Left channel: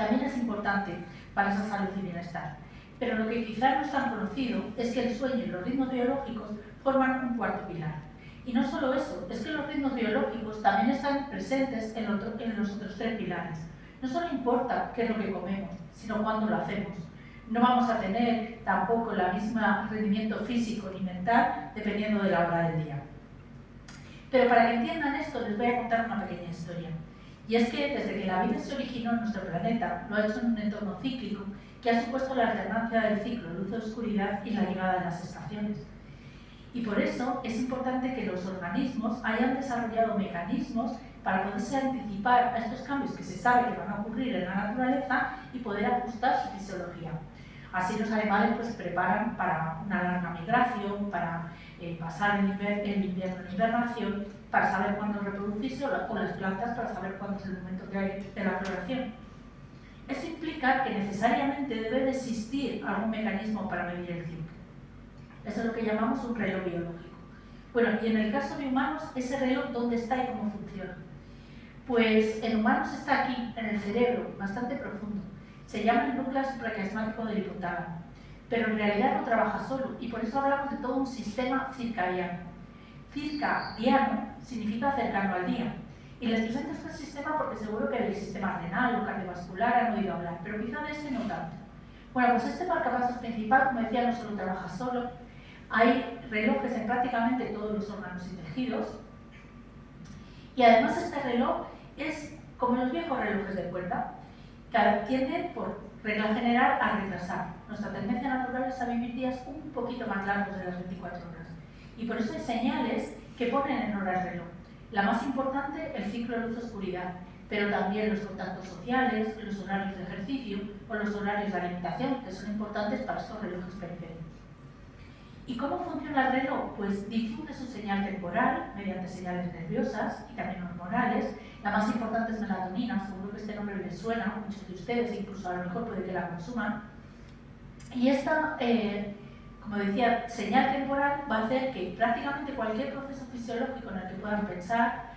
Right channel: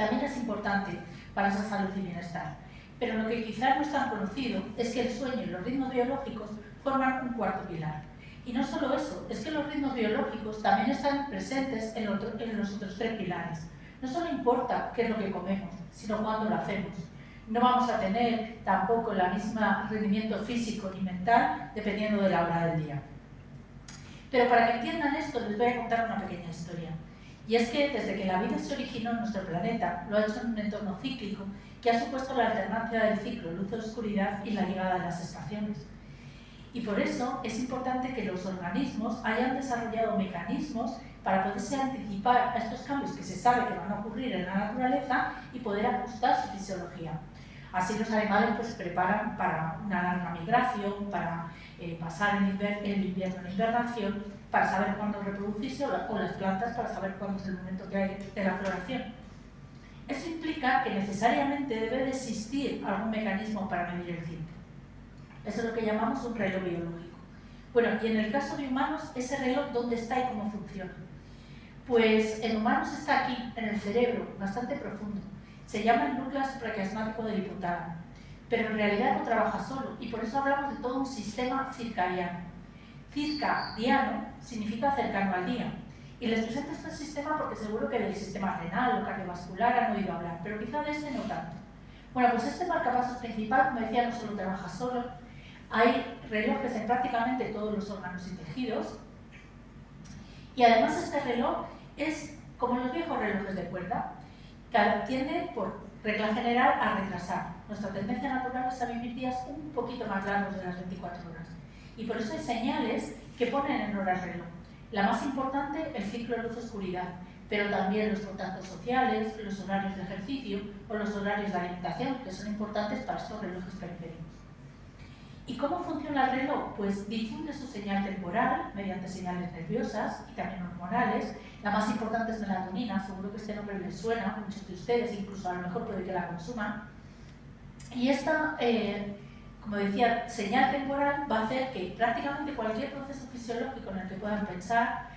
también es importante para esa salud y bienestar. Pero lo que quizás no es tan conocido es que el sueño y los ritmos biológicos forman un cuarto pilar. Y no solo eso, es que los ritmos biológicos también están presentes en los otros tres pilares. No solo importa qué es lo que comemos, sino cuándo lo hacemos. No vamos a tener tampoco el mismo rendimiento físico ni mental dependiendo de la hora del día. Pero para que entiendan esto, les voy a contar una pequeña historia. Y es que desde que la vida se originó en nuestro planeta, lo ha hecho en un entorno cíclico que ha supuesto la alternancia del ciclo luz-oscuridad y la llegada de las estaciones. Y por eso es importante que los organismos hayan desarrollado mecanismos para poderse anticipar a estos cambios que se sabe que van a ocurrir en la naturaleza y poder ajustar su fisiología. Así los animales pues, se preparan para una larga migración, para pasar el invierno en hibernación, para saber cuándo reproducirse, o las plantas para saber cuándo es el momento que hay de la floración. Eso implica que necesariamente debe de existir algún mecanismo para medir el tiempo. Eso es lo que llamamos un reloj biológico. Bueno, y en el caso de humanos, ese reloj, ¿dónde está y cómo funciona? Pues en humanos está aquí, en el cerebro, bastante profundo. Se llama el núcleo supraquiasmático del hipotálamo, pero en realidad no trabaja solo, y por eso hablamos de todo un sistema circadiano. Circadiano significa cercano al día. Y les presento este sistema porque seguro que del sistema renal o cardiovascular han oído hablar, pero quizá de este no tanto. Bueno, pues este marcapasos principal, como decía, no solo trabaja solo, hay relojes en prácticamente todos los órganos y tejidos, y además este reloj es como los viejos relojes de cuerda, que tiende, por regla general, a retrasar. Nuestra tendencia natural es a vivir días un poquito más largos de las 24 horas, y por eso hay señales que ponen en hora el reloj. La más importante, el ciclo luz-oscuridad, pero también los contactos sociales, los horarios de ejercicio o los horarios de alimentación, que son importantes para estos relojes periféricos. ¿Y cómo funciona el reloj? Pues difunde su señal temporal mediante señales nerviosas y también hormonales. La más importante es melatonina, seguro que este nombre les suena a muchos de ustedes, incluso a lo mejor puede que la consuman. Y esta, como decía, señal temporal va a hacer que prácticamente cualquier proceso fisiológico en el que puedan pensar,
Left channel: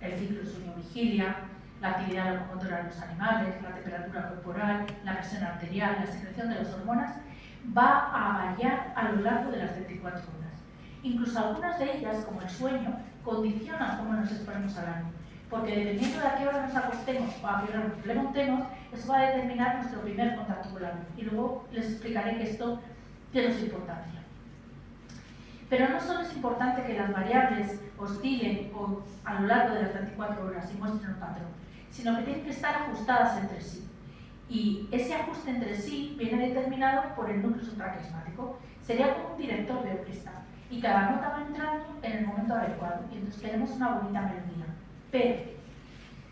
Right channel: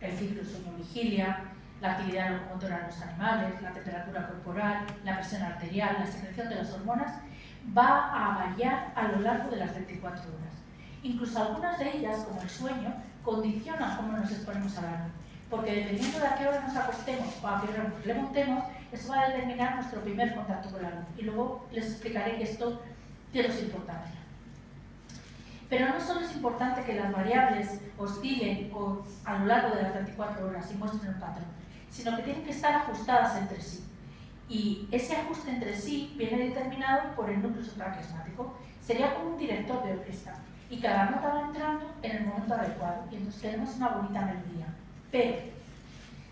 el ciclo sueño-vigilia, la actividad locomotora de los animales, la temperatura corporal, la presión arterial, la secreción de las hormonas, va a variar a lo largo de las 24 horas. Incluso algunas de ellas, como el sueño, condicionan cómo nos exponemos al año, porque dependiendo de a qué hora nos acostemos o a qué hora nos levantemos, eso va a determinar nuestro primer contacto con la luz. Y luego les explicaré que esto tiene su importancia. Pero no solo es importante que las variables oscilen a lo largo de las 24 horas y muestren un patrón, sino que tienen que estar ajustadas entre sí. Y ese ajuste entre sí viene determinado por el núcleo supraquiasmático. Sería como un director de orquesta, y cada nota va entrando en el momento adecuado, y entonces tenemos una bonita melodía. Pero,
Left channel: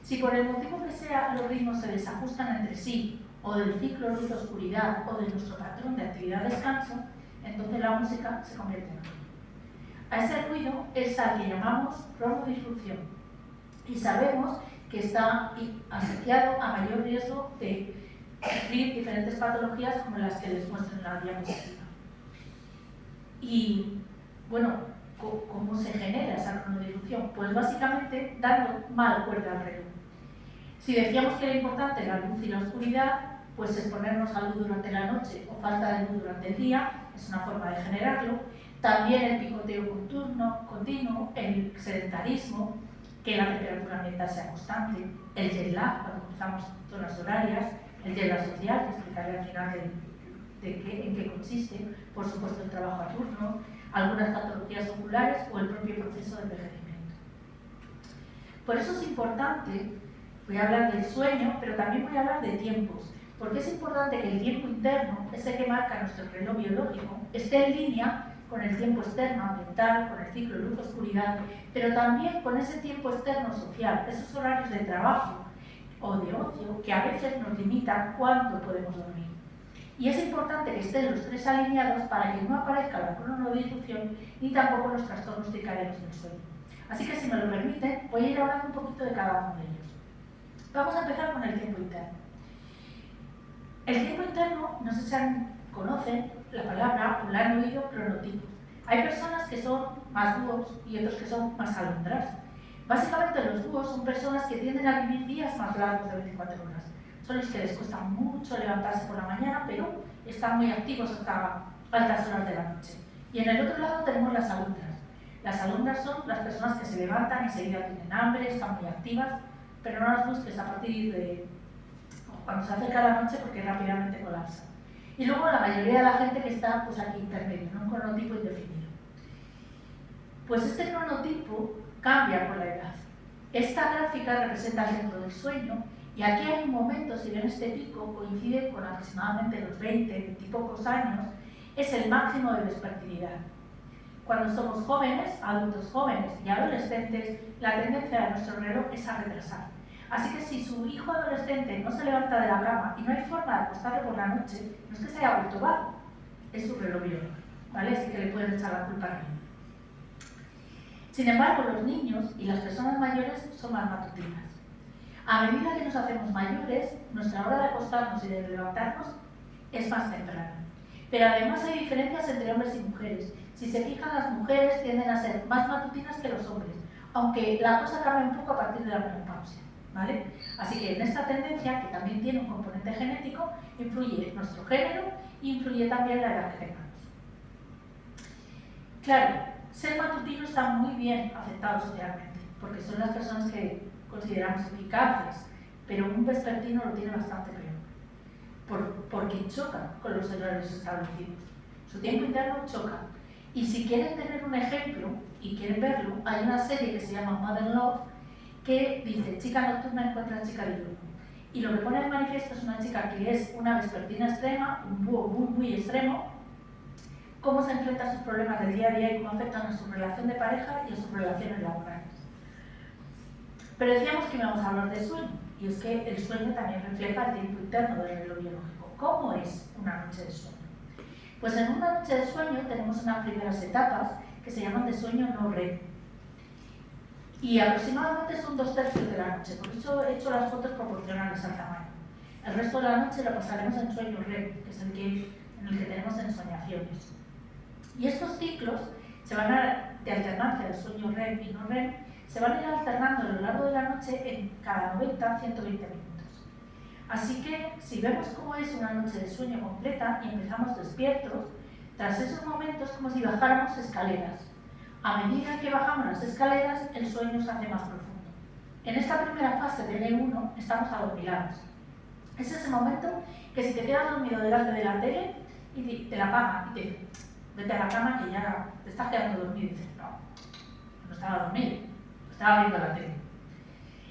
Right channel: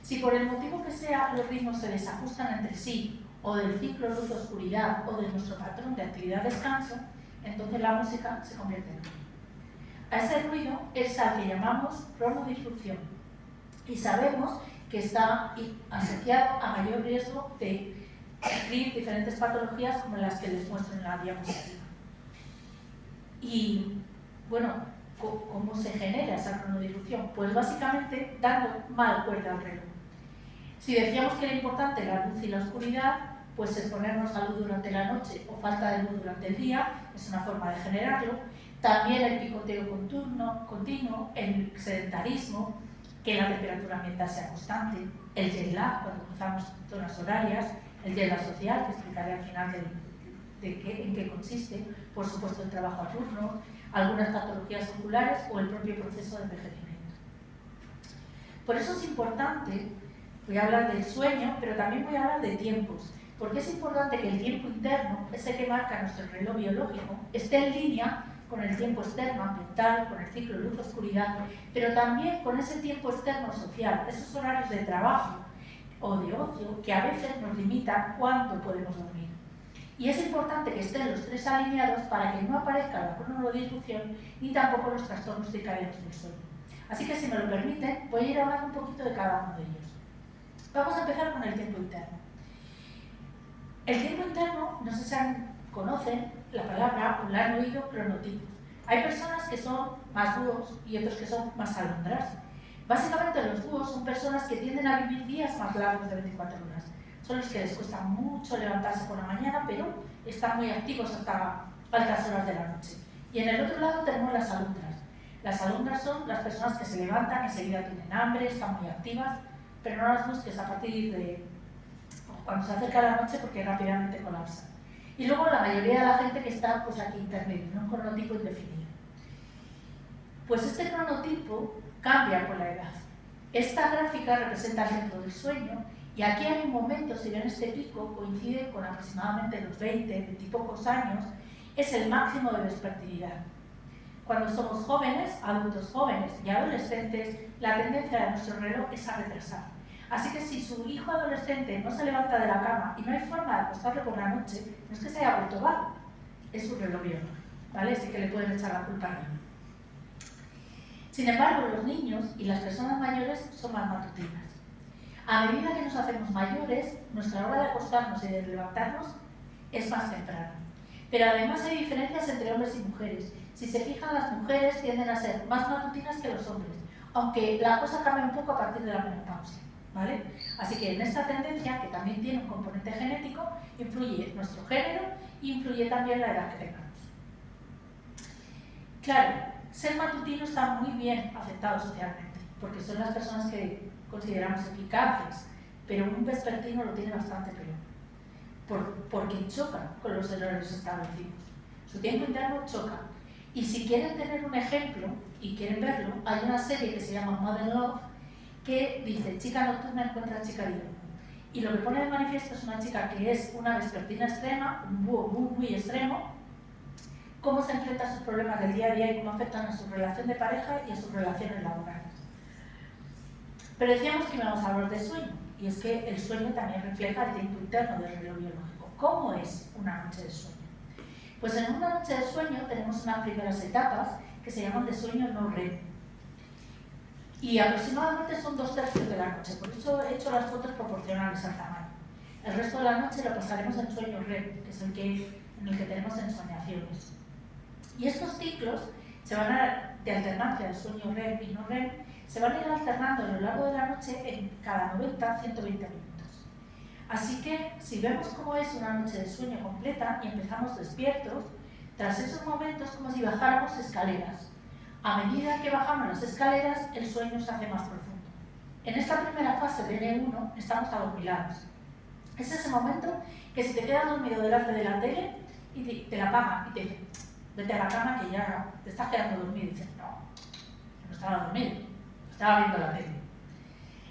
si por el motivo que sea los ritmos se desajustan entre sí, o del ciclo luz-oscuridad, o de nuestro patrón de actividad-descanso, entonces la música se convierte en ruido. A ese ruido es al que llamamos cronodisrupción, y sabemos que está asociado a mayor riesgo de sufrir diferentes patologías como las que les muestro en la diapositiva. Y, bueno, ¿cómo se genera esa cronodisrupción? Pues básicamente dando mal cuerda al reloj. Si decíamos que era importante la luz y la oscuridad, pues exponernos a luz durante la noche o falta de luz durante el día es una forma de generarlo. También el picoteo continuo, el sedentarismo, que la temperatura ambiental sea constante, el jet lag cuando cruzamos zonas horarias, el jet lag social, que explicaré al final en qué consiste, por supuesto el trabajo a turno, algunas patologías oculares o el propio proceso de envejecimiento. Por eso es importante, voy a hablar del sueño, pero también voy a hablar de tiempos, porque es importante que el tiempo interno, ese que marca nuestro reloj biológico, esté en línea con el tiempo externo ambiental, con el ciclo luz-oscuridad, pero también con ese tiempo externo social, esos horarios de trabajo o de ocio que a veces nos limitan cuánto podemos dormir. Y es importante que estén los tres alineados para que no aparezca la cronodisrupción ni tampoco los trastornos circadianos del sueño. Así que, si me lo permiten, voy a ir hablando un poquito de cada uno de ellos. Vamos a empezar con el tiempo interno. El tiempo interno, no sé si conocen la palabra o la han oído, cronotipo. Hay personas que son más búhos y otros que son más alondras. Básicamente los búhos son personas que tienden a vivir días más largos de 24 horas. son los que les cuesta mucho levantarse por la mañana, pero están muy activos hasta altas horas de la noche. Y en el otro lado tenemos las alumnas. Las alumnas son las personas que se levantan y enseguida tienen hambre, están muy activas, pero no las busques a partir de cuando se acerca la noche porque rápidamente colapsan. Y luego la mayoría de la gente que está pues aquí intermedio, en un cronotipo indefinido. Pues este cronotipo cambia con la edad. Esta gráfica representa el centro del sueño y aquí hay un momento, si ven este pico, coincide con aproximadamente los 20 y pocos años, es el máximo de vespertinidad. Cuando somos jóvenes, adultos jóvenes y adolescentes, la tendencia de nuestro reloj es a retrasar. Así que si su hijo adolescente no se levanta de la cama y no hay forma de acostarle por la noche, no es que se haya vuelto vago, es su reloj biológico, ¿vale? Así que le pueden echar la culpa a él. Sin embargo, los niños y las personas mayores son más matutinas. A medida que nos hacemos mayores, nuestra hora de acostarnos y de levantarnos es más temprana. Pero además hay diferencias entre hombres y mujeres. Si se fijan, las mujeres tienden a ser más matutinas que los hombres, aunque la cosa cambia un poco a partir de la menopausia, ¿vale? Así que en esta tendencia, que también tiene un componente genético, influye nuestro género y influye también la edad que tengamos. Claro, ser matutino está muy bien aceptado socialmente, porque son las personas que consideramos eficaces, pero un vespertino lo tiene bastante peor, porque choca con los errores establecidos. Su tiempo interno choca. Y si quieren tener un ejemplo y quieren verlo, hay una serie que se llama Modern Love que dice chica nocturna encuentra chica diurna. Y lo que pone de manifiesto es una chica que es una vespertina extrema, un búho muy extremo, cómo se enfrenta a sus problemas del día a día y cómo afectan a su relación de pareja y a sus relaciones laborales. Pero decíamos que íbamos a hablar de sueño, y es que el sueño también refleja el tiempo interno del reloj biológico. ¿Cómo es una noche de sueño? Pues en una noche de sueño tenemos unas primeras etapas que se llaman de sueño no REM. Y aproximadamente son 2/3 de la noche, por eso he hecho las fotos proporcionales al tamaño. El resto de la noche lo pasaremos en sueño REM, que es en el que tenemos ensoñaciones. Y estos ciclos de alternancia de sueño REM y no REM se van a ir alternando a lo largo de la noche en cada 90-120 minutos. Así que si vemos cómo es una noche de sueño completa y empezamos despiertos, tras esos momentos como si bajáramos escaleras. A medida que bajamos las escaleras, el sueño se hace más profundo. En esta primera fase del E1 estamos adormilados. Es ese momento que si te quedas dormido delante de la tele y te la apagan y te dicen vete a la cama que ya te estás quedando dormido y dices no estaba dormido, estaba viendo la tele.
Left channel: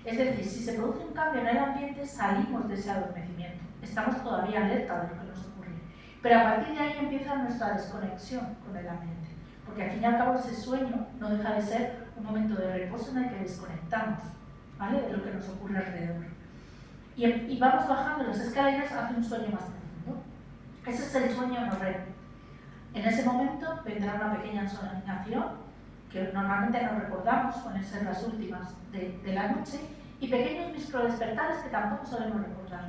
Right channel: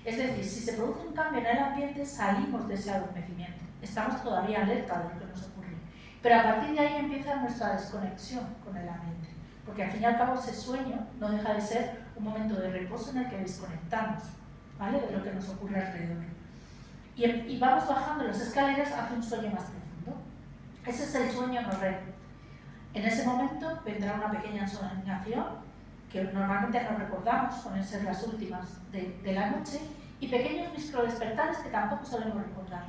Es decir, si se produce un cambio en el ambiente, salimos de ese adormecimiento. Estamos todavía alerta de lo que nos ocurre. Pero a partir de ahí empieza nuestra desconexión con el ambiente. Porque al fin y al cabo ese sueño no deja de ser un momento de reposo en el que desconectamos, ¿vale?, de lo que nos ocurre alrededor. Y vamos bajando las escaleras hacia un sueño más profundo. Ese es el sueño no REM. En ese momento vendrá una pequeña ensoñación que normalmente nos recordamos, suelen ser las últimas de la noche, y pequeños microdespertares que tampoco solemos recordar,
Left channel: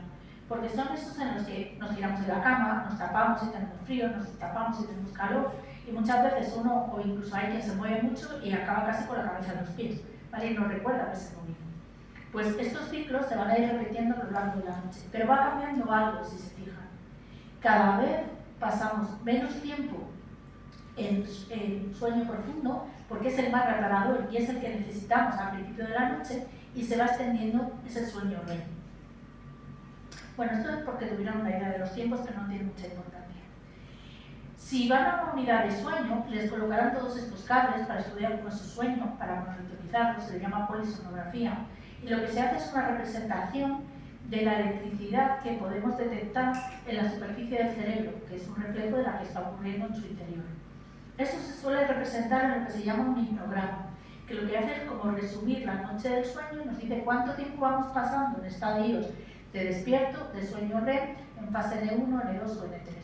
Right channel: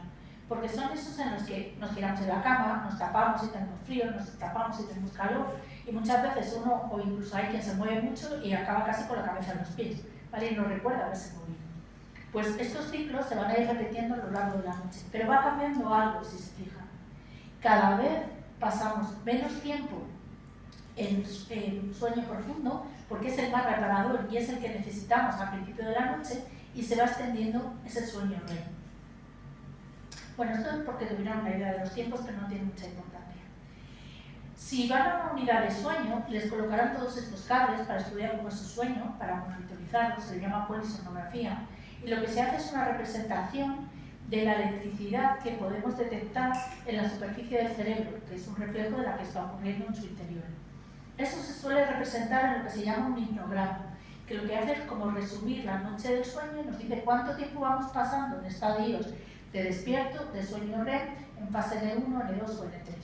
porque son esos en los que nos giramos en la cama, nos tapamos si tenemos frío, nos tapamos si tenemos calor, y muchas veces uno, o incluso hay quien se mueve mucho y acaba casi con la cabeza en los pies, ¿vale? Y no recuerda haberse movido. Pues estos ciclos se van a ir repitiendo a lo largo de la noche, pero va cambiando algo si se fijan. Cada vez pasamos menos tiempo en sueño profundo, porque es el más reparador y es el que necesitamos al principio de la noche, y se va extendiendo ese sueño REM. Bueno, esto es porque tuvieron una idea de los tiempos, pero no tiene mucha importancia. Si van a una unidad de sueño, les colocarán todos estos cables para estudiar cómo es su sueño, para monitorizarlo, se le llama polisonografía, y lo que se hace es una representación de la electricidad que podemos detectar en la superficie del cerebro, que es un reflejo de la que está ocurriendo en su interior. Eso se suele representar en lo que se llama un hipnograma, que lo que hace es como resumir la noche del sueño y nos dice cuánto tiempo vamos pasando en estadios de despierto, de sueño REM, en fase N1, N2 o N3.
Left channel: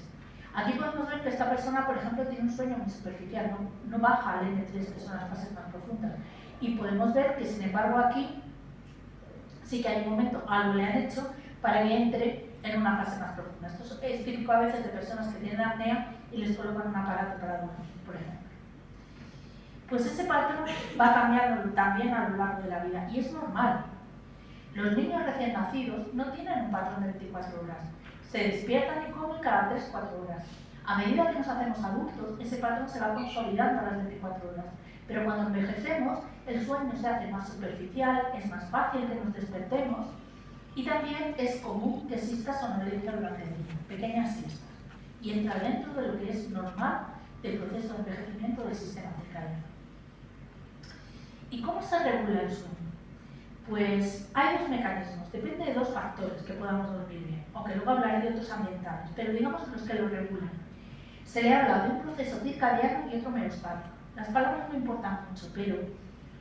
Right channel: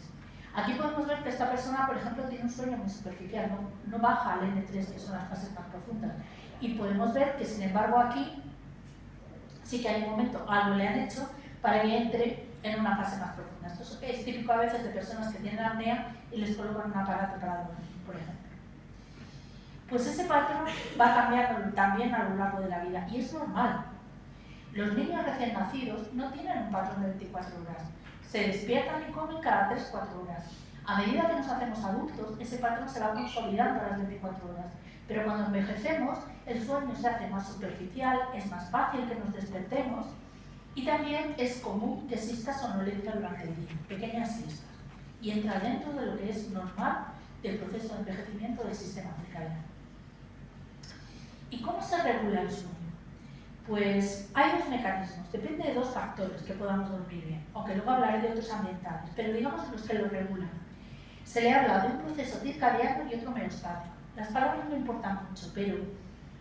Aquí podemos ver que esta persona, por ejemplo, tiene un sueño muy superficial, no baja al N3, que son las fases más profundas. Y podemos ver que, sin embargo, aquí sí que hay un momento, algo le han hecho para que entre en una fase más profunda. Esto es típico a veces de personas que tienen apnea y les colocan un aparato para dormir, por ejemplo. Pues ese patrón va cambiando también a lo largo de la vida y es normal. Los niños recién nacidos no tienen un patrón de 24 horas. Se despiertan y comen cada 3-4 horas. A medida que nos hacemos adultos, ese patrón se va consolidando a las 24 horas. Pero cuando envejecemos, el sueño se hace más superficial, es más fácil que nos despertemos y también es común que exista somnolencia durante el día, pequeñas siestas. Y entra dentro de lo que es normal del proceso de envejecimiento del sistema circadiano. ¿Y cómo se regula el sueño? Pues hay dos mecanismos, depende de dos factores que podamos dormir bien, aunque luego hablaré de otros ambientales, pero digamos los que lo regulan. Se le habla de un proceso circadiano y otro homeostático. Las palabras no importan mucho, pero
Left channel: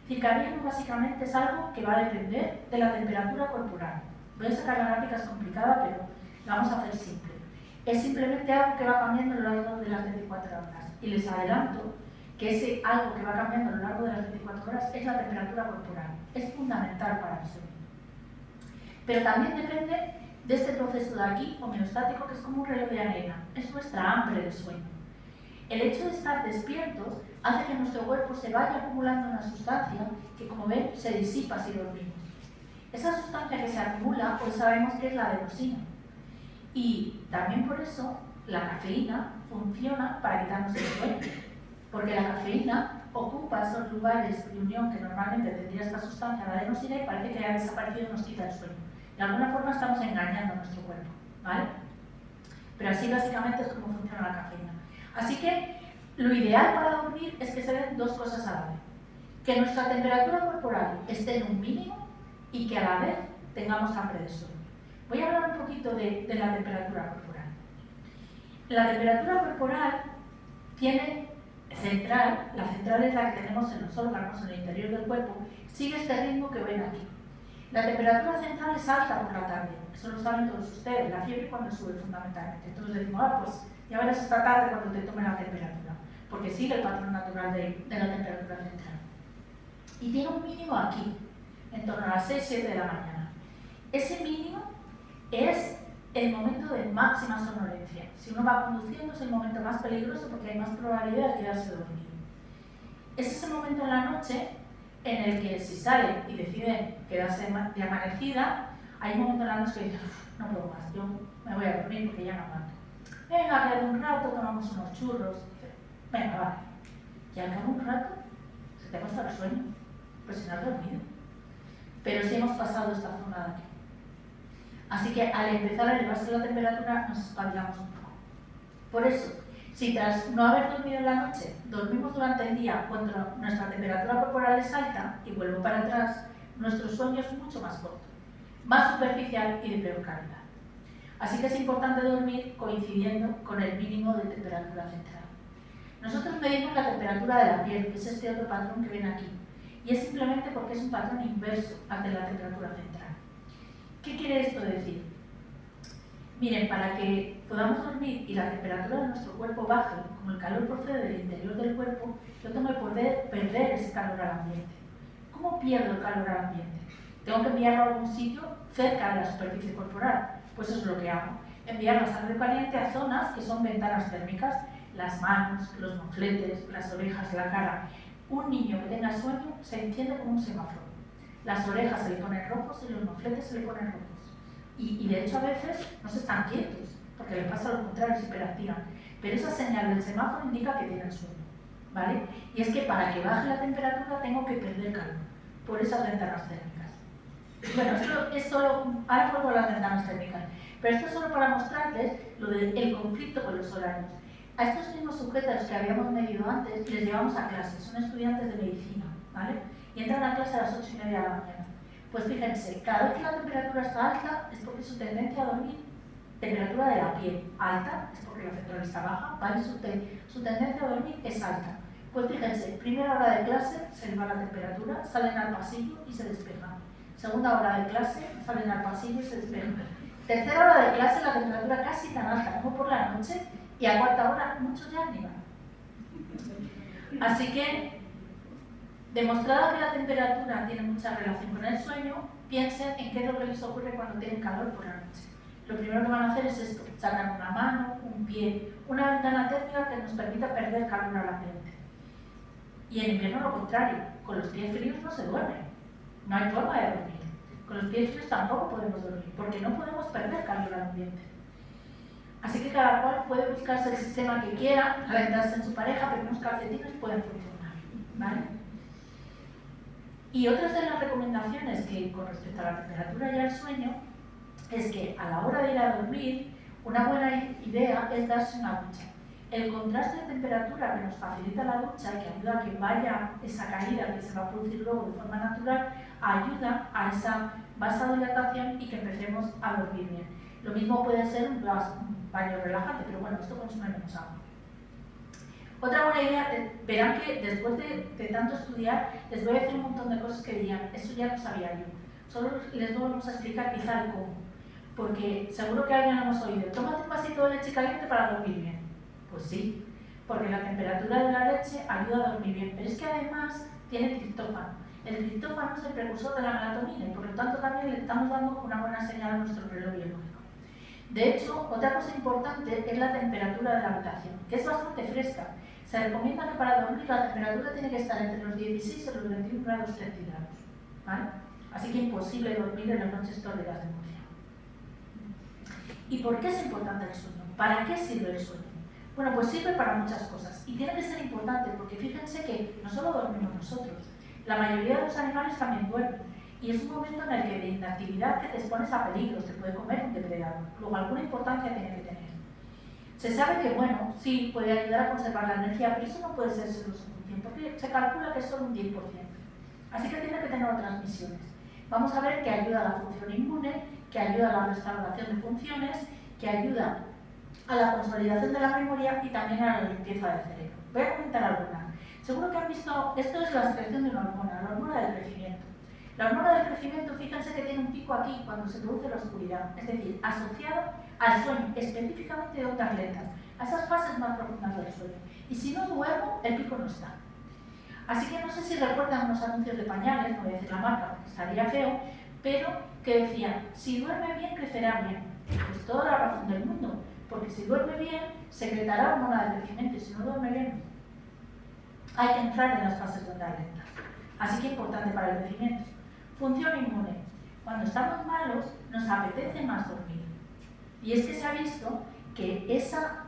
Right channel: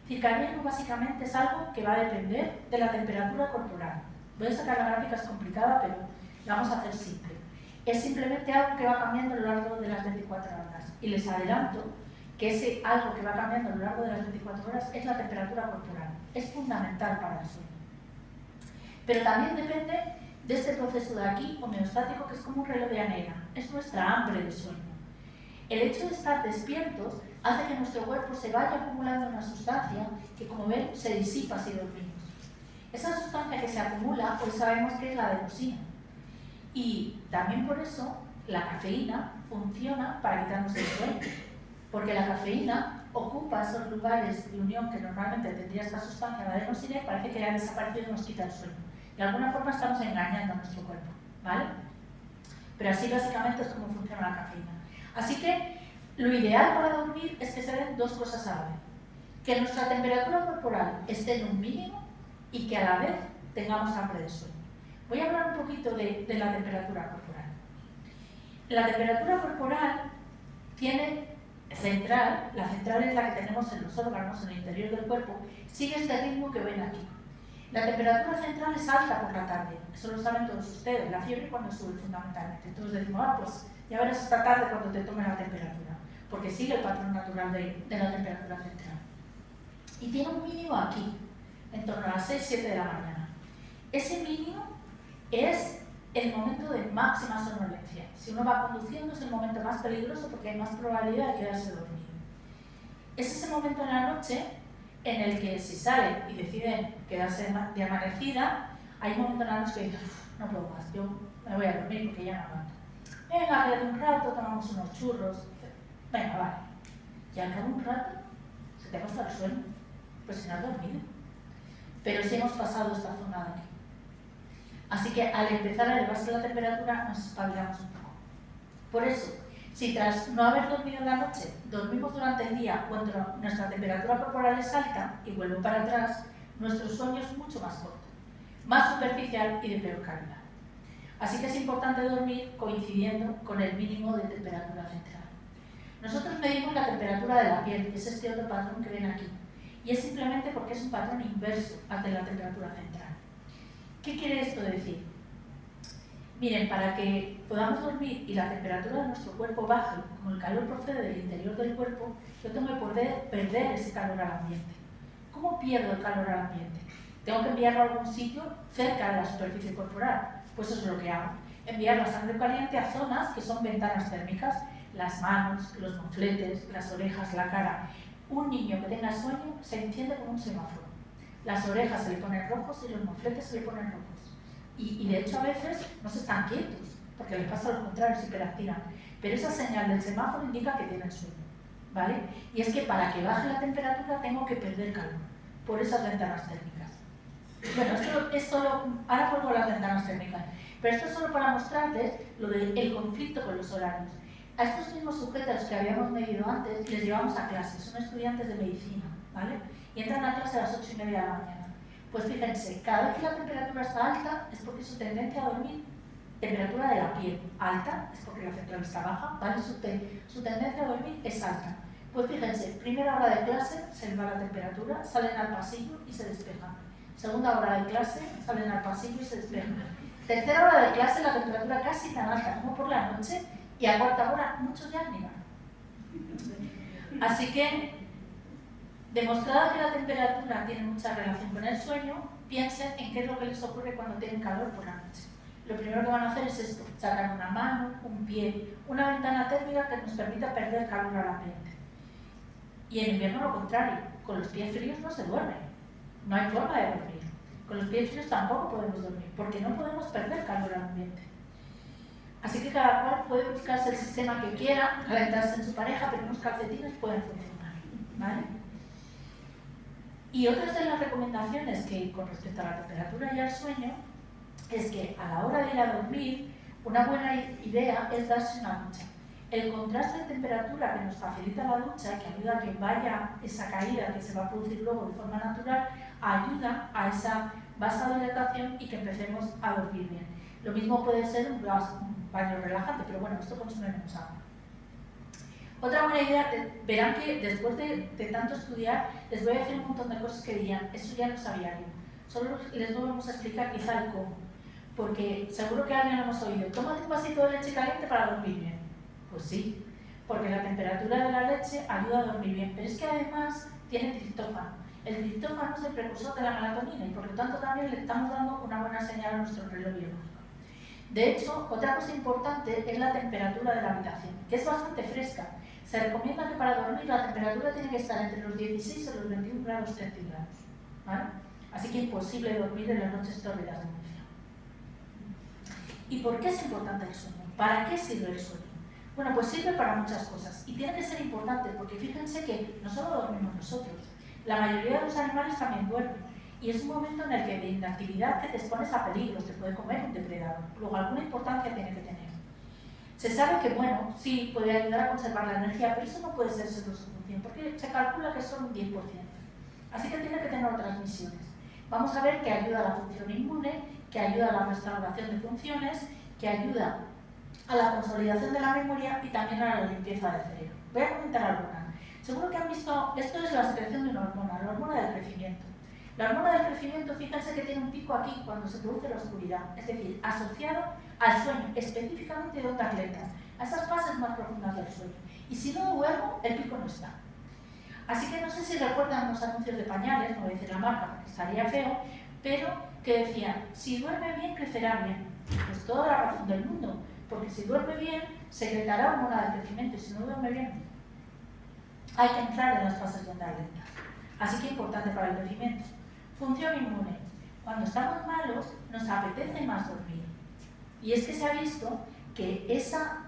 circadiano básicamente es algo que va a depender de la temperatura corporal. Voy a sacar la gráfica, es complicada, pero la vamos a hacer simple. Es simplemente algo que va cambiando a lo largo de las 24 horas. Y les adelanto que ese algo que va cambiando a lo largo de las 24 horas es la temperatura corporal. Es fundamental para el sueño. Pero también depende de este proceso de aquí, homeostático, que es como un reloj de arena. Es nuestra hambre de sueño. El hecho de estar despiertos hace que nuestro cuerpo se vaya acumulando una sustancia que, como ven, se disipa si dormimos. Esa sustancia que se acumula, pues sabemos que es la adenosina. Y también por eso la cafeína funciona para quitarnos el sueño. Porque la cafeína ocupa esos lugares de unión que normalmente tendría esta sustancia, la adenosina, y parece que ha desaparecido y nos quita el sueño. De alguna forma estamos engañando a nuestro cuerpo, ¿vale? Pero así básicamente es como funciona la cafeína. Así que lo ideal para dormir es que se den dos cosas a la vez. Que nuestra temperatura corporal esté en un mínimo y que a la vez tengamos hambre de sueño. Voy a hablar un poquito de la temperatura corporal. La temperatura corporal tiene central, la central es la que tenemos en los órganos, en el interior del cuerpo, sigue este ritmo que ven aquí. La temperatura central es alta por la tarde, eso lo saben todos ustedes, la fiebre cuando sube fundamentalmente. Entonces decimos, pues ya verás esta tarde cuando te tomen la temperatura, porque sigue el patrón natural de la temperatura central. Y tiene un mínimo aquí, en torno a las 6-7 de la mañana. Ese mínimo es el momento de máxima somnolencia. Si uno va conduciendo es el momento más peligroso porque hay más probabilidad de quedarse dormido. Es ese momento en la noche en el que si sale y decide quedarse de amanecida, hay un momento en la noche que dice, no puedo más, yo me voy a dormir porque ya no aguanto. Venga, quédate un rato, tomamos unos churros. Venga, vale. Y al cabo de un rato se te pasa el sueño, pues si no has dormido. Pero si hemos pasado esta zona de aquí. Así que al empezar a elevarse la temperatura nos espabilamos un poco. Por eso, si tras no haber dormido en la noche, dormimos durante el día cuando nuestra temperatura corporal es alta y vuelvo para atrás, nuestro sueño es mucho más corto, más superficial y de peor calidad. Así que es importante dormir coincidiendo con el mínimo de temperatura central. Nosotros medimos la temperatura de la piel, que es este otro patrón que ven aquí, y es simplemente porque es un patrón inverso al de la temperatura central. ¿Qué quiere esto decir? Miren, para que podamos dormir y la temperatura de nuestro cuerpo baje, como el calor procede del interior del cuerpo, yo tengo que poder perder ese calor al ambiente. ¿Cómo pierdo el calor al ambiente? Tengo que enviarlo a algún sitio cerca de la superficie corporal. Pues eso es lo que hago. Enviar la sangre caliente a zonas que son ventanas térmicas, las manos, los mofletes, las orejas, la cara. Un niño que tenga sueño se enciende como un semáforo. Las orejas se le ponen rojos y los mofletes se le ponen rojos. Y de hecho a veces no se están quietos, porque les pasa lo contrario, se hiperactivan. Pero esa señal del semáforo indica que tienen sueño, ¿vale? Y es que para que baje la temperatura tengo que perder calor, por esas ventanas térmicas. Bueno, esto es solo, ahora vuelvo a las ventanas térmicas, pero esto es solo para mostrarles lo del conflicto con los horarios. A estos mismos sujetos que habíamos medido antes les llevamos a clase, son estudiantes de medicina, ¿vale? Y entran a clase a las 8:30 de la mañana. Pues fíjense, cada vez que la temperatura está alta es porque su tendencia a dormir, temperatura de la piel alta, es porque la central está baja, ¿vale? Su tendencia a dormir es alta. Pues fíjense, primera hora de clase se les va la temperatura, salen al pasillo y se despejan. Segunda hora de clase, salen al pasillo y se despejan. Tercera hora de clase, la temperatura casi tan alta como por la noche, y a cuarta hora muchos ya ni van. Así que, demostrado que la temperatura tiene mucha relación con el sueño, piensen en qué es lo que les ocurre cuando tienen calor por la noche. Lo primero que van a hacer es esto, sacar una mano, un pie, una ventana térmica que nos permita perder calor al ambiente. Y en invierno lo contrario, con los pies fríos no se duerme, no hay forma de dormir. Con los pies fríos tampoco podemos dormir, porque no podemos perder calor al ambiente. Así que cada cual puede buscarse el sistema que quiera, calentarse en su pareja, pero unos calcetines pueden funcionar, ¿vale? Y otras de las recomendaciones que con respecto a la temperatura y al sueño es que a la hora de ir a dormir, una buena idea es darse una ducha. El contraste de temperatura que nos facilita la ducha, que ayuda a que vaya esa caída que se va a producir luego de forma natural, ayuda a esa vasodilatación y que empecemos a dormir bien. Lo mismo puede ser un baño relajante, pero bueno, esto consume menos agua. Otra buena idea, verán que después de tanto estudiar, les voy a decir un montón de cosas que dirían, eso ya lo sabía yo. Solo les vamos a explicar quizá el cómo. Porque seguro que alguien lo hemos oído, tómate un vasito de leche caliente para dormir bien. Pues sí, porque la temperatura de la leche ayuda a dormir bien, pero es que además tiene triptófano. El triptófano es el precursor de la melatonina y por lo tanto también le estamos dando una buena señal a nuestro reloj biológico. De hecho, otra cosa importante es la temperatura de la habitación, que es bastante fresca. Se recomienda que para dormir la temperatura tiene que estar entre los 16 y los 21 grados centígrados, ¿vale? Así que imposible dormir en las noches tórridas de Murcia. ¿Y por qué es importante el sueño? ¿Para qué sirve el sueño? Bueno, pues sirve para muchas cosas y tiene que ser importante porque fíjense que no solo dormimos nosotros, la mayoría de los animales también duermen y es un momento en el que de inactividad que te expones a peligros, te puede comer un depredador, luego alguna importancia tiene que tener. Se sabe que, bueno, sí, puede ayudar a conservar la energía, pero eso no puede ser seguro suficiente porque se calcula que es solo un 10%. Así que tiene que tener otras misiones. Vamos a ver que ayuda a la función inmune, que ayuda a la restauración de funciones, que ayuda a la consolidación de la memoria y también a la limpieza del cerebro. Voy a comentar algunas. Seguro que han visto, esto es la secreción de una hormona, la hormona del crecimiento. La hormona del crecimiento, fíjense que tiene un pico aquí cuando se produce la oscuridad, es decir, asociado al sueño, específicamente de ondas lentas, a esas fases más profundas del sueño. Y si no duermo, el pico no está. Así que no sé si recuerdan unos anuncios de pañales, no voy a decir la marca porque estaría feo, pero que decían, si duerme bien, crecerá bien. Pues toda la razón del mundo, porque si duerme bien, secretará hormona del crecimiento y si no duerme bien, hay que entrar en las fases de ondas lentas. Así que importante para el crecimiento. Función inmune. Cuando estamos malos, nos apetece más dormir. Y es que se ha visto que esa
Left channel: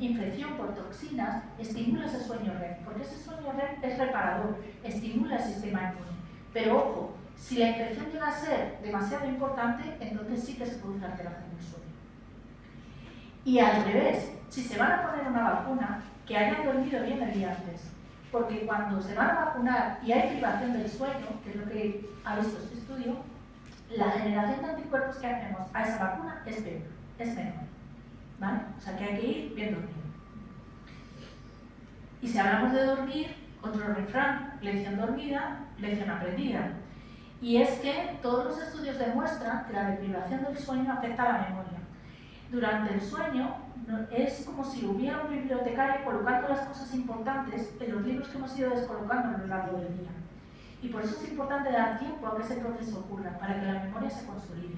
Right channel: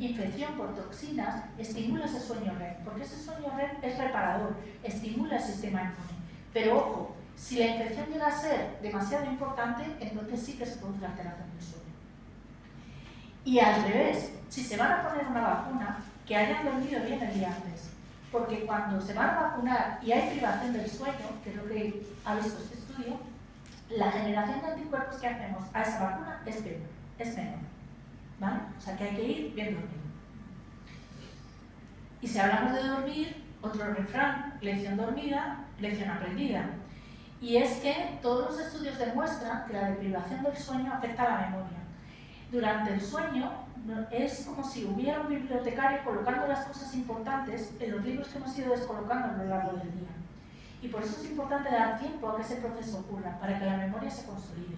infección por toxinas estimula ese sueño REM, porque ese sueño REM es reparador, estimula el sistema inmune. Pero ojo, si la infección llega a ser demasiado importante, entonces sí que se produce alteración del sueño. Y al revés, si se van a poner una vacuna, que hayan dormido bien el día antes. Porque cuando se van a vacunar y hay privación del sueño, que es lo que ha visto este estudio, la generación de anticuerpos que hacemos a esa vacuna es menor. ¿Vale? O sea que hay que ir bien dormido. Y si hablamos de dormir, otro refrán, lección dormida, lección aprendida. Y es que todos los estudios demuestran que la deprivación del sueño afecta a la memoria. Durante el sueño es como si hubiera un bibliotecario colocando las cosas importantes en los libros que hemos ido descolocando a lo largo del día. Y por eso es importante dar tiempo a que ese proceso ocurra, para que la memoria se consolide.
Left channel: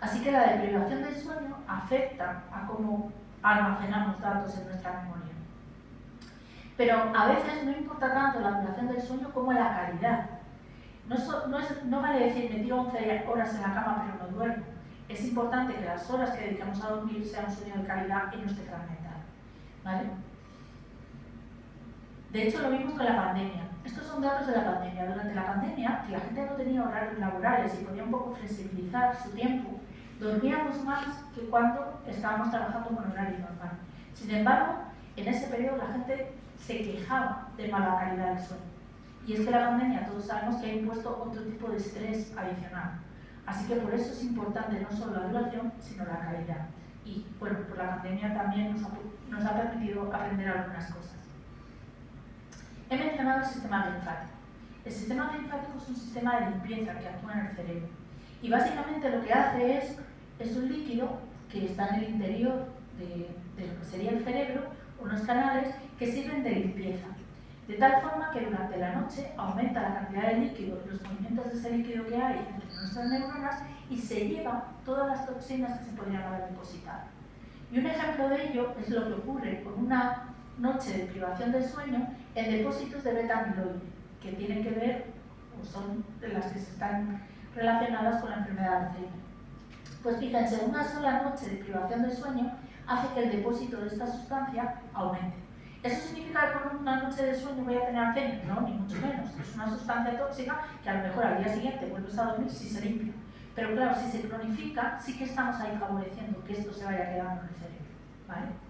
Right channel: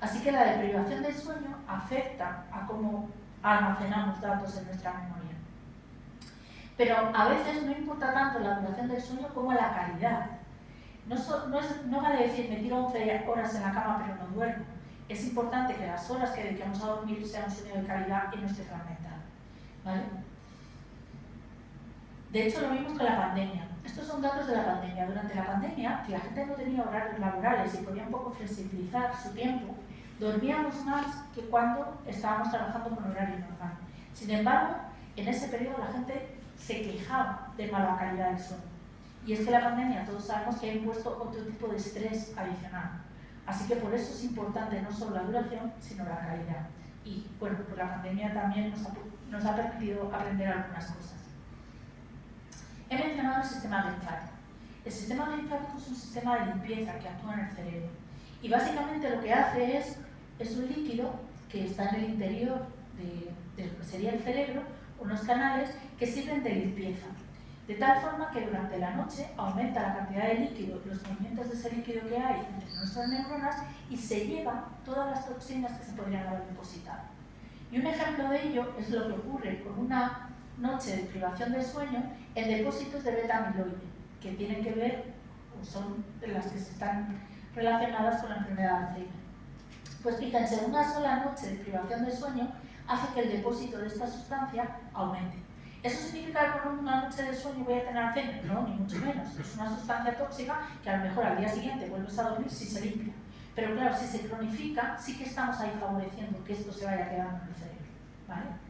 Así que la deprivación del sueño afecta a cómo almacenamos datos en nuestra memoria. Pero a veces no importa tanto la duración del sueño como la calidad. No vale decir me tiro 11 horas en la cama pero no duermo. Es importante que las horas que dediquemos a dormir sean un sueño de calidad y no esté fragmentado. ¿Vale? De hecho, lo vimos con la pandemia. Estos son datos de la pandemia. Durante la pandemia, que la gente no tenía horarios laborales y podía un poco flexibilizar su tiempo, dormíamos más que cuando estábamos trabajando con horario normal. Sin embargo, en ese periodo la gente se quejaba de mala calidad del sueño. Y es que la pandemia, todos sabemos que ha impuesto otro tipo de estrés adicional. Así que por eso es importante no solo la duración, sino la calidad. Y bueno, pues la pandemia también nos ha permitido aprender algunas cosas. He mencionado el sistema linfático. El sistema linfático es un sistema de limpieza que actúa en el cerebro. Y básicamente lo que hace es un líquido que está en el interior de lo que sería el cerebro, unos canales que sirven de limpieza. De tal forma que durante la noche aumenta la cantidad de líquido, los movimientos de ese líquido que hay entre nuestras neuronas y se lleva todas las toxinas que se podrían haber depositado. Y un ejemplo de ello es lo que ocurre con una noche de privación de sueño en depósitos de beta-amiloide, que tienen que ver, o son las que se están relacionadas con la enfermedad de Alzheimer. Pues fíjense, una sola noche de privación de sueño hace que el depósito de esta sustancia aumente. ¿Eso significa que con una noche de sueño voy a tener Alzheimer? No, ni mucho menos. Es una sustancia tóxica que a lo mejor al día siguiente vuelves a dormir si se limpia. Pero claro, si se cronifica, sí que estamos ahí favoreciendo que esto se vaya quedando en el cerebro, ¿vale?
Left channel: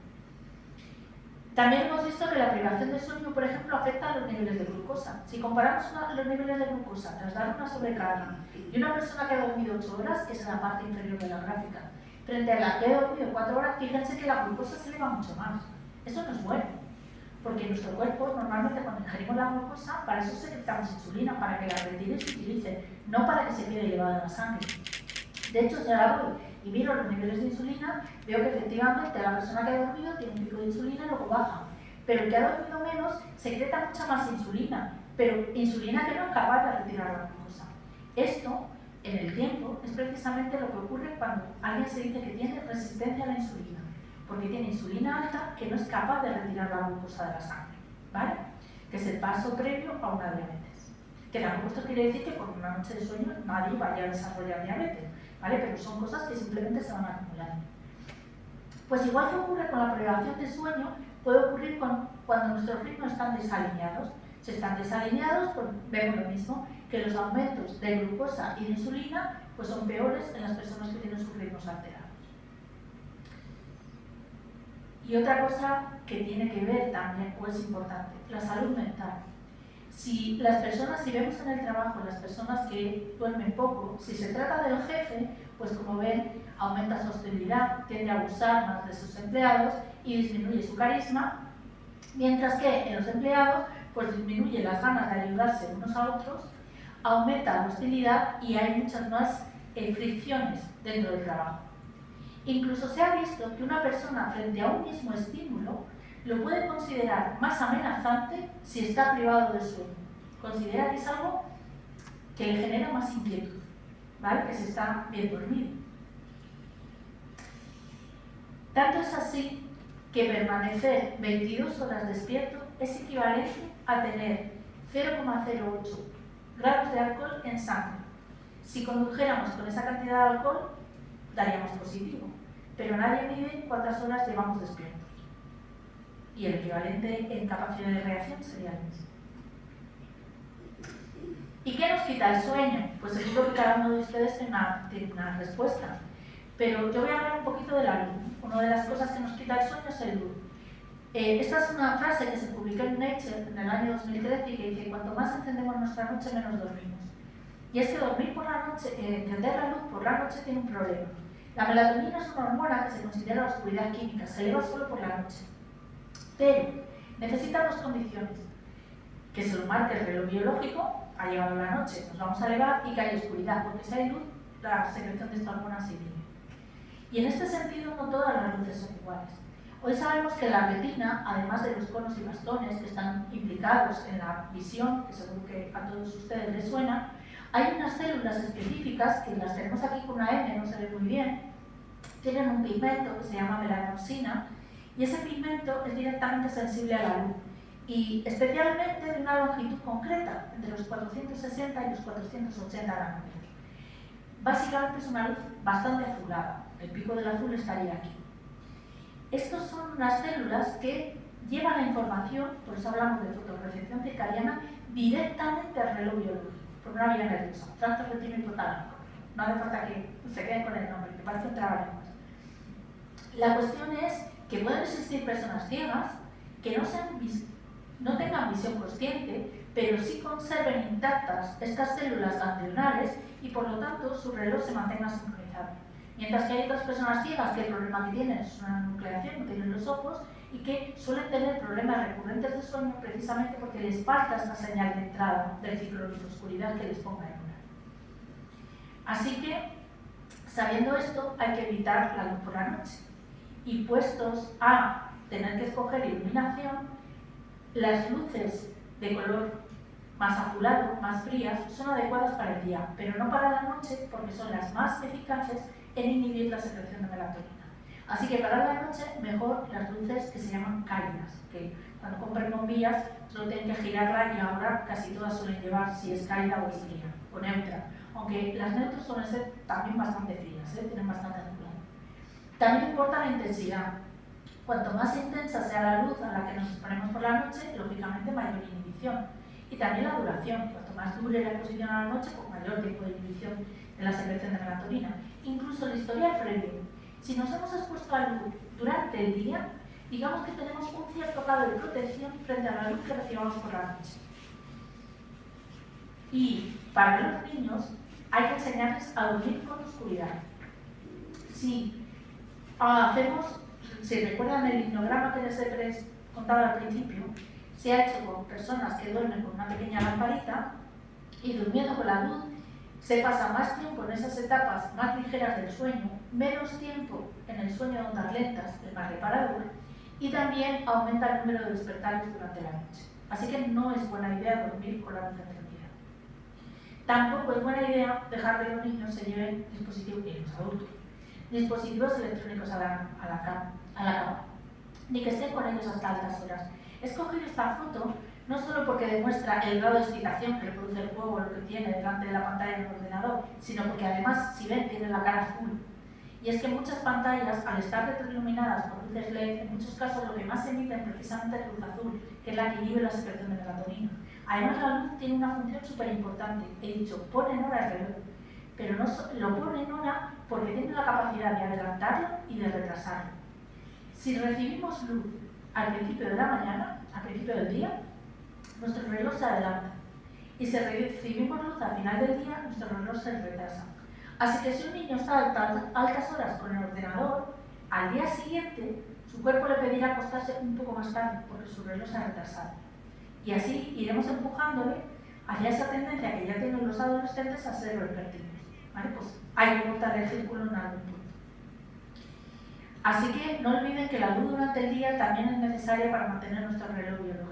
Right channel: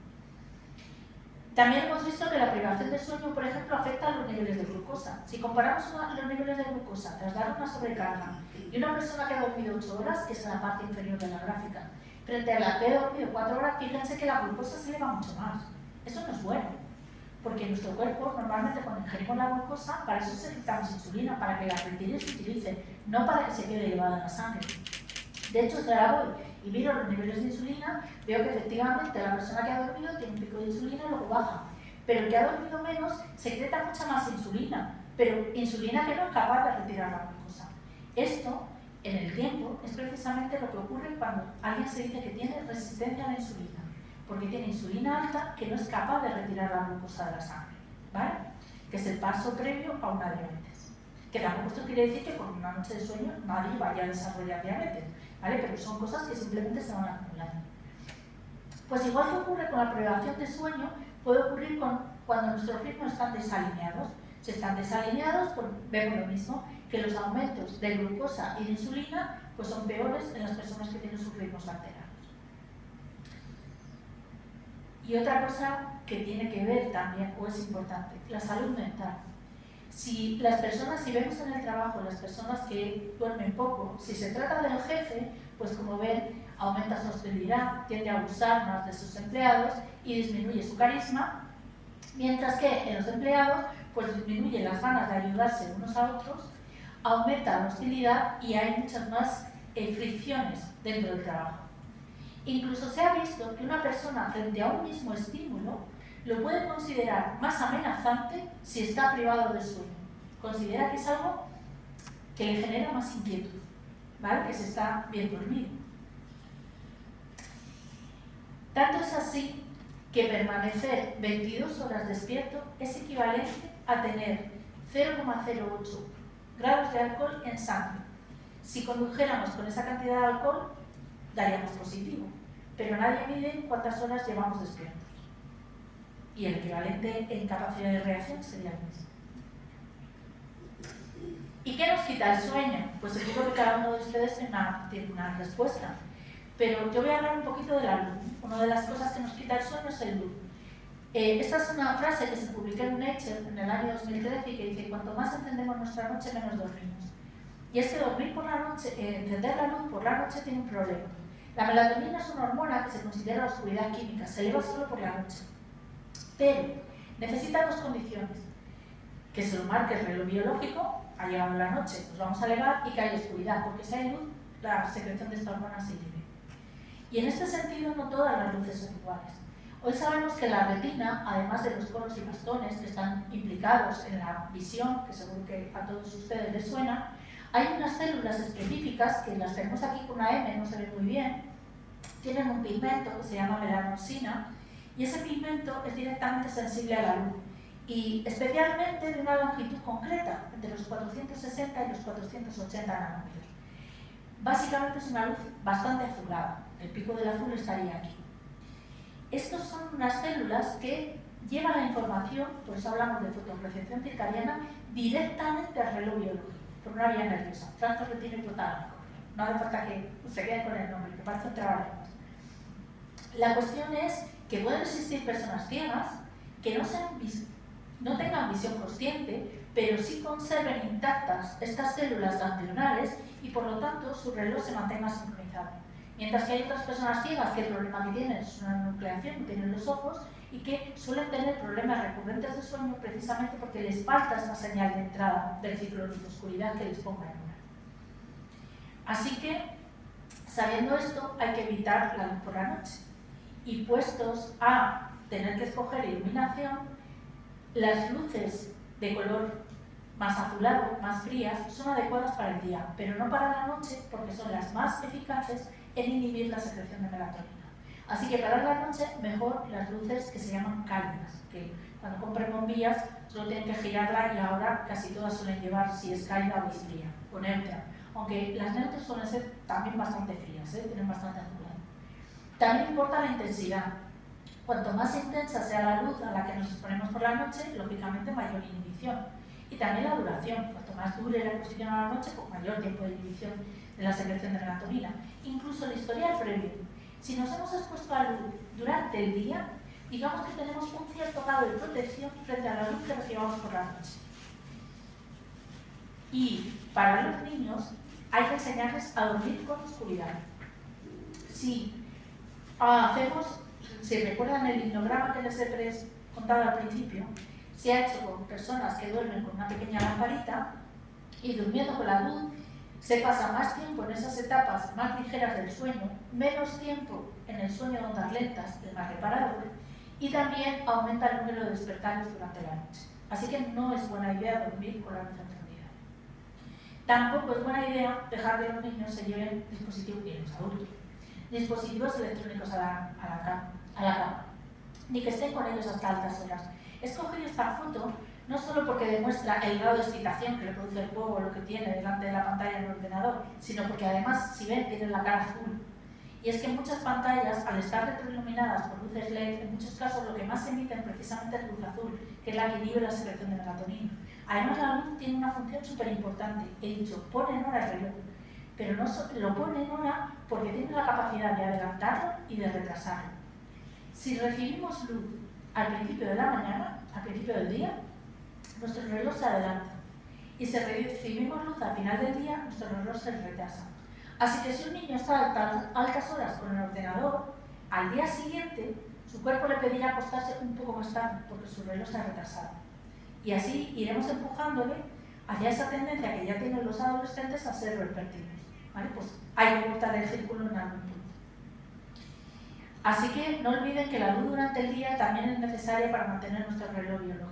También hemos visto que la privación de sueño, por ejemplo, afecta a los niveles de glucosa. Si comparamos los niveles de glucosa tras dar una sobrecarga y una persona que ha dormido 8 horas, que es la parte inferior de la gráfica, frente a la que ha dormido 4 horas, fíjense que la glucosa se eleva mucho más. Eso no es bueno, porque nuestro cuerpo normalmente cuando ingerimos la glucosa, para eso necesitamos insulina, para que la retire y se utilice, no para que se quede elevada en la sangre. De hecho, si ahora voy y miro los niveles de insulina, veo que efectivamente la persona que ha dormido tiene un pico de insulina y luego baja. Pero el que ha dormido menos secreta mucha más insulina, pero insulina que no es capaz de retirar la glucosa. Esto, en el tiempo, es precisamente lo que ocurre cuando alguien se dice que tiene resistencia a la insulina, porque tiene insulina alta que no es capaz de retirar la glucosa de la sangre, ¿vale? Que es el paso previo a una diabetes. Que tampoco esto quiere decir que con una noche de sueño nadie vaya a desarrollar diabetes, ¿vale? Pero son cosas que simplemente se van acumulando. Pues igual que ocurre con la privación de sueño, puede ocurrir cuando nuestros ritmos están desalineados. Si están desalineados, pues vemos lo mismo, que los aumentos de glucosa y de insulina pues son peores en las personas que tienen sus ritmos alterados. Y otra cosa que tiene que ver también, o es importante, la salud mental. Si vemos en el trabajo las personas que duermen poco, si se trata del jefe, pues como ven, aumenta su hostilidad, tiende a abusar más de sus empleados y disminuye su carisma, mientras que en los empleados, pues disminuye las ganas de ayudarse unos a otros, aumenta la hostilidad y hay muchas más fricciones dentro del trabajo. Incluso se ha visto que una persona frente a un mismo estímulo lo puede considerar más amenazante si está privado de sueño. Considera que es algo que le genera más inquietud, ¿vale? Que se está bien dormido. Tanto es así que permanecer 22 horas despierto es equivalente a tener 0,08 grados de alcohol en sangre. Si condujéramos con esa cantidad de alcohol, daríamos positivo, pero nadie mide cuántas horas llevamos despiertos. Y el equivalente en capacidad de reacción sería el mismo. ¿Y qué nos quita el sueño? Pues seguro que cada uno de ustedes tiene una respuesta. Pero yo voy a hablar un poquito de la luz. Una de las cosas que nos quita el sueño es el luz. Esta es una frase que se publicó en Nature en el año 2013 y que dice: cuanto más encendemos nuestra noche, menos dormimos. Y es que dormir por la noche, encender la luz por la noche tiene un problema. La melatonina es una hormona que se considera oscuridad química, se eleva solo por la noche. Pero necesita dos condiciones: que se lo marque el reloj biológico, ha llegado la noche, nos vamos a elevar, y que haya oscuridad, porque si hay luz, la secreción de esta hormona se inhibe. Y en este sentido, no todas las luces son iguales. Hoy sabemos que la retina, además de los conos y bastones que están implicados en la visión, que seguro que a todos ustedes les suena, hay unas células específicas, que las tenemos aquí con una M, no se ve muy bien, tienen un pigmento que se llama melanopsina, y ese pigmento es directamente sensible a la luz, y especialmente de una longitud concreta, entre los 460 y los 480 nanómetros. Básicamente es una luz bastante azulada, el pico del azul estaría aquí. Estos son unas células que llevan la información, por eso hablamos de fotorrecepción circadiana, directamente al reloj biológico, por una vía nerviosa, tracto retino hipotálamico. No hace falta que se queden con el nombre, que parece un trabalenguas. La cuestión es que pueden existir personas ciegas que no tengan visión consciente, pero sí conserven intactas estas células ganglionares y por lo tanto su reloj se mantenga sincronizado. Mientras que hay otras personas ciegas que el problema que tienen es una nucleación, no tienen los ojos, y que suelen tener problemas recurrentes de sueño precisamente porque les falta esta señal de entrada del ciclo de luz-oscuridad que les ponga en una. Así que, sabiendo esto, hay que evitar la luz por la noche. Y puestos a tener que escoger iluminación, las luces de color más azulado, más frías, son adecuadas para el día, pero no para la noche porque son las más eficaces en inhibir la secreción de melatonina. Así que para la noche, mejor las luces que se llaman cálidas, que cuando compren bombillas solo tienen que girarla y ahora casi todas suelen llevar si es cálida o es fría, o neutra. aunque las neutras suelen ser también bastante frías, tienen bastante azúcar. También importa la intensidad. Cuanto más intensa sea la luz a la que nos exponemos por la noche, lógicamente mayor inhibición. Y también la duración. Cuanto más dure la exposición a la noche, pues mayor tiempo de inhibición de la secreción de melatonina. Incluso el historial previo. Si nos hemos expuesto a la luz durante el día, digamos que tenemos un cierto grado de protección frente a la luz que recibamos por la noche. Y para los niños hay que enseñarles a dormir con oscuridad. Si recuerdan el hipnograma que les he contado al principio, se ha hecho con personas que duermen con una pequeña lamparita y durmiendo con la luz se pasa más tiempo en esas etapas más ligeras del sueño, menos tiempo en el sueño de ondas lentas, el más reparador, y también aumenta el número de despertares durante la noche. Así que no es buena idea dormir con la luz encendida. Tampoco es buena idea dejar que los niños se lleven dispositivos, y los adultos, dispositivos electrónicos a la cama, ni que estén con ellos hasta altas horas. He escogido esta foto no solo porque demuestra el grado de excitación que le produce el juego o lo que tiene delante de la pantalla del ordenador, sino porque además, si ven, tiene la cara azul. Y es que muchas pantallas, al estar retroiluminadas por luces LED, en muchos casos lo que más emiten precisamente es luz azul, que es la que inhibe la secreción de melatonina. Además, la luz tiene una función súper importante. He dicho, pone en hora el reloj, pero no lo pone en hora porque tiene la capacidad de adelantarlo y de retrasarlo. Si recibimos luz al principio de la mañana, al principio del día, nuestro reloj se adelanta. Y si recibimos luz al final del día, nuestro reloj se retrasa. Así que si un niño está a altas horas con el ordenador, al día siguiente su cuerpo le pedirá acostarse un poco más tarde porque su reloj se ha retrasado. Y así iremos empujándole hacia esa tendencia que ya tienen los adolescentes a ser vespertinos. ¿Vale? Pues hay que cortar el círculo en algún punto. Así que no olviden que la luz durante el día también es necesaria para mantener nuestro reloj biológico.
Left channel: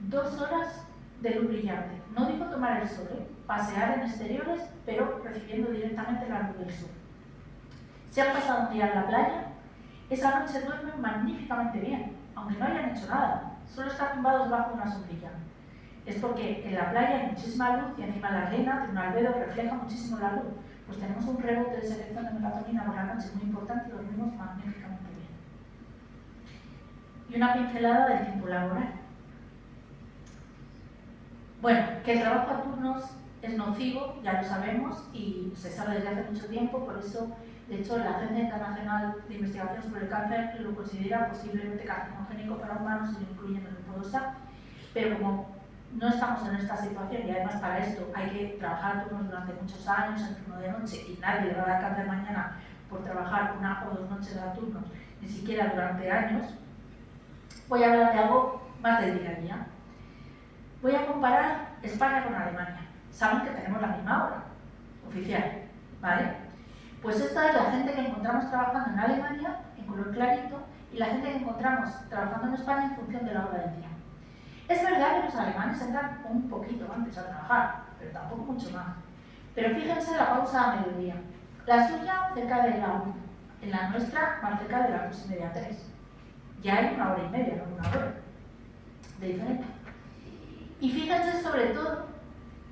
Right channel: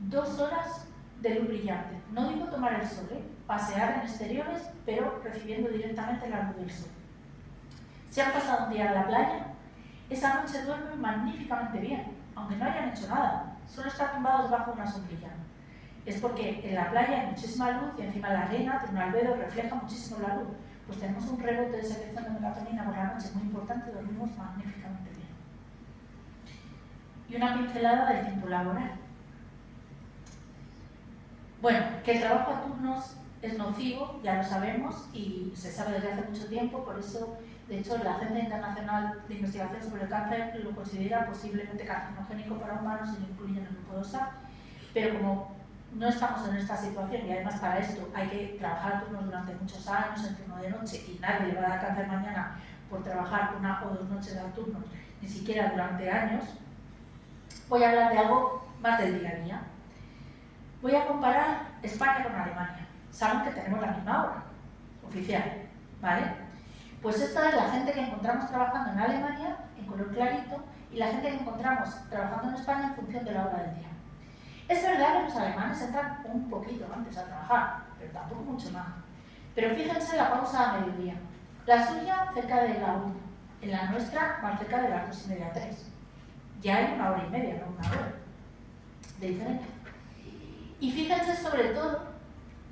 2 horas de luz brillante. No digo tomar el sol, pasear en exteriores, pero recibiendo directamente la luz del sol. Si han pasado un día en la playa, esa noche duermen magníficamente bien, aunque no hayan hecho nada, solo están tumbados bajo una sombrilla. Es porque en la playa hay muchísima luz y encima la arena tiene un albedo que refleja muchísimo la luz. Pues tenemos un rebote de secreción de melatonina por la noche muy importante y dormimos magníficamente bien. Y una pincelada del tiempo laboral. Bueno, que el trabajo a turnos es nocivo, ya lo sabemos, y se sabe desde hace mucho tiempo, por eso, de hecho, la Agencia Internacional de Investigación sobre el Cáncer lo considera posiblemente carcinogénico para humanos y lo incluye en el grupo 2A, pero como no estamos en esta situación y además para esto hay que trabajar a turnos durante muchos años en turno de noche y nadie le va a dar cáncer mañana por trabajar 1 o 2 noches a turno, ni siquiera durante años, voy a hablar de algo más del día a día. Voy a comparar España con Alemania. Saben que tenemos la misma hora oficial, ¿vale? Pues esta es la gente que encontramos trabajando en Alemania, en color clarito, y la gente que encontramos trabajando en España en función de la hora del día. Es verdad que los alemanes entran un poquito antes a trabajar, pero tampoco mucho más. Pero fíjense la pausa a mediodía. La suya cerca de la 1, en la nuestra más cerca de las 2:30, 3. Ya hay 1 hora y media, no 1 hora de diferencia. Y fíjense sobre todo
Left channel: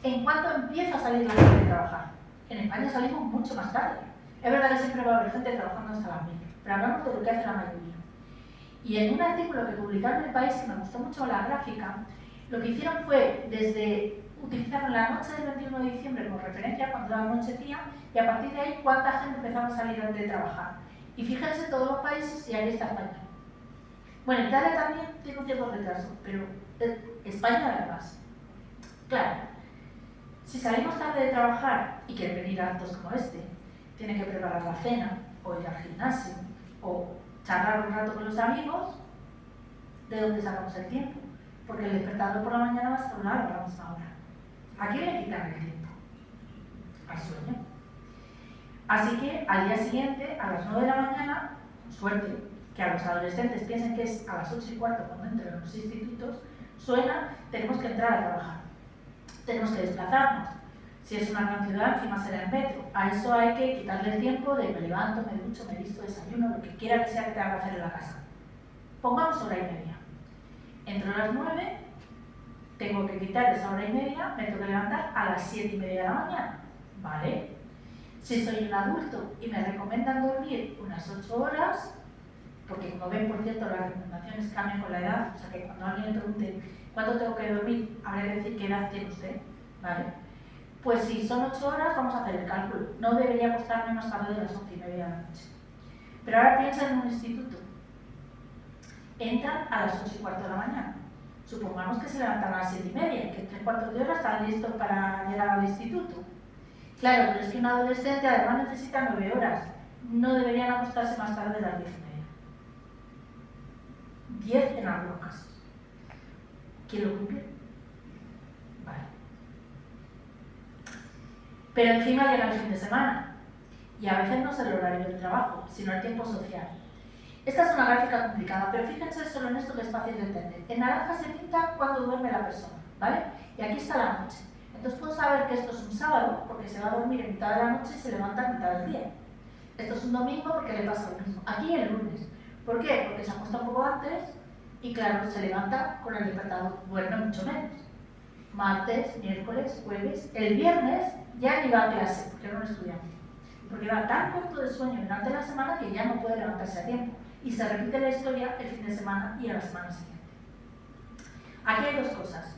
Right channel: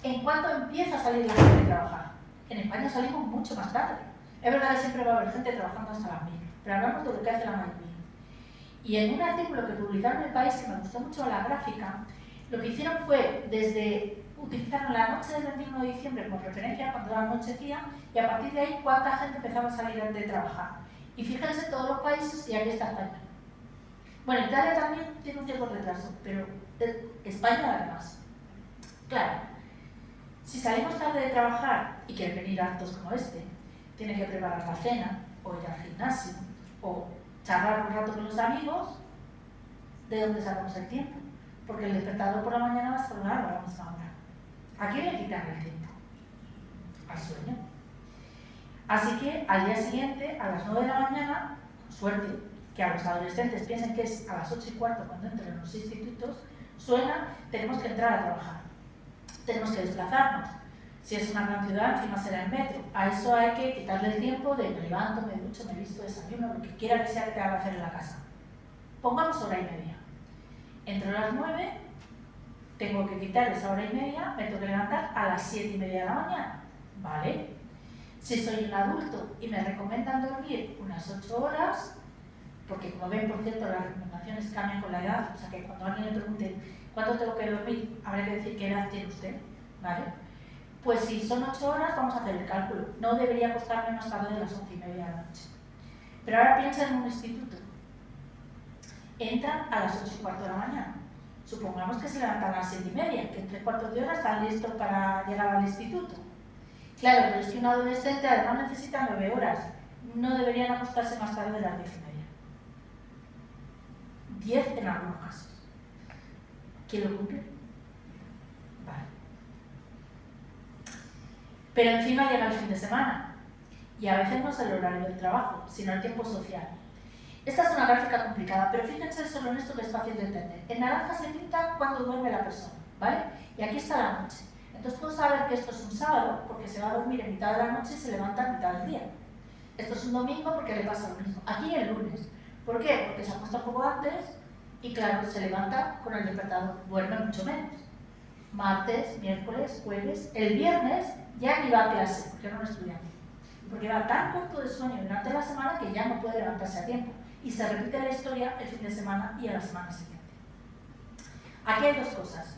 en cuánto empieza a salir la gente a trabajar. En España salimos mucho más tarde. Es verdad que siempre va a haber gente trabajando hasta las 1000, pero hablamos de lo que hace la mayoría. Y en un artículo que publicaron en El País, que me gustó mucho la gráfica, lo que hicieron fue, utilizaron la noche del 21 de diciembre como referencia cuando anochecía, y a partir de ahí cuánta gente empezaba a salir antes de trabajar. Y fíjense todos los países y ahí está España. Bueno, Italia también tiene un cierto retraso, pero España además. Claro, si salimos tarde de trabajar y quieren venir a actos como este, tienen que preparar la cena, o ir al gimnasio, o charlar un rato con los amigos, ¿de dónde sacamos el tiempo? Porque el despertador por la mañana va a sonar a la misma hora. ¿A quién le quitan el tiempo? Al sueño. Así que al día siguiente, a las 9 de la mañana, con suerte, que a los adolescentes piensen que es a las 8:15 cuando entren en los institutos, suena, tenemos que entrar a trabajar. Tenemos que desplazarnos. Si es una gran ciudad, encima será en metro. A eso hay que quitarle el tiempo de me levanto, me ducho, me visto, desayuno, lo que quiera que sea que tenga que hacer en la casa. Pongamos 1:30. Entro a las 9, tengo que quitar esa 1:30, me tengo que levantar a las 7:30 de la mañana. ¿vale? Si soy un adulto y me recomiendan dormir unas 8 horas, porque como ven, por cierto, las recomendaciones cambian con la edad, o sea que cuando alguien le pregunte cuánto tengo que dormir, habrá que decir qué edad tiene usted, ¿vale? Pues si son 8 horas, vamos a hacer el cálculo. No debería acostarme más tarde de las 11:30 de la noche. Pero ahora piensa en un instituto. Entran a las 8:15 de la mañana. Supongamos que se levantan a las 7:30, que en 3/4 de hora están listos para llegar al instituto. Claro, pero es que un adolescente además necesita 9 horas. No deberían acostarse más tarde de las 10:30. 10 en algunos casos. ¿Quién lo cumple? Vale. Pero encima llega el fin de semana. Y a veces no es el horario del trabajo, sino el tiempo social. Esta es una gráfica complicada, pero fíjense solo en esto que es fácil de entender. En naranja se pinta cuando duerme la persona, ¿vale? Y aquí está la noche. Entonces puedo saber que esto es un sábado, porque se va a dormir en mitad de la noche y se levanta en mitad del día. Esto es un domingo porque le pasa lo mismo. Aquí el lunes. ¿Por qué? Porque se acuesta un poco antes y claro, se levanta con el despertador. Duerme mucho menos. Martes, miércoles, jueves. El viernes ya ni va a clase, porque era un estudiante. Porque va tan corto de sueño durante la semana que ya no puede levantarse a tiempo. Y se repite la historia el fin de semana y a la semana siguiente. Aquí hay dos cosas.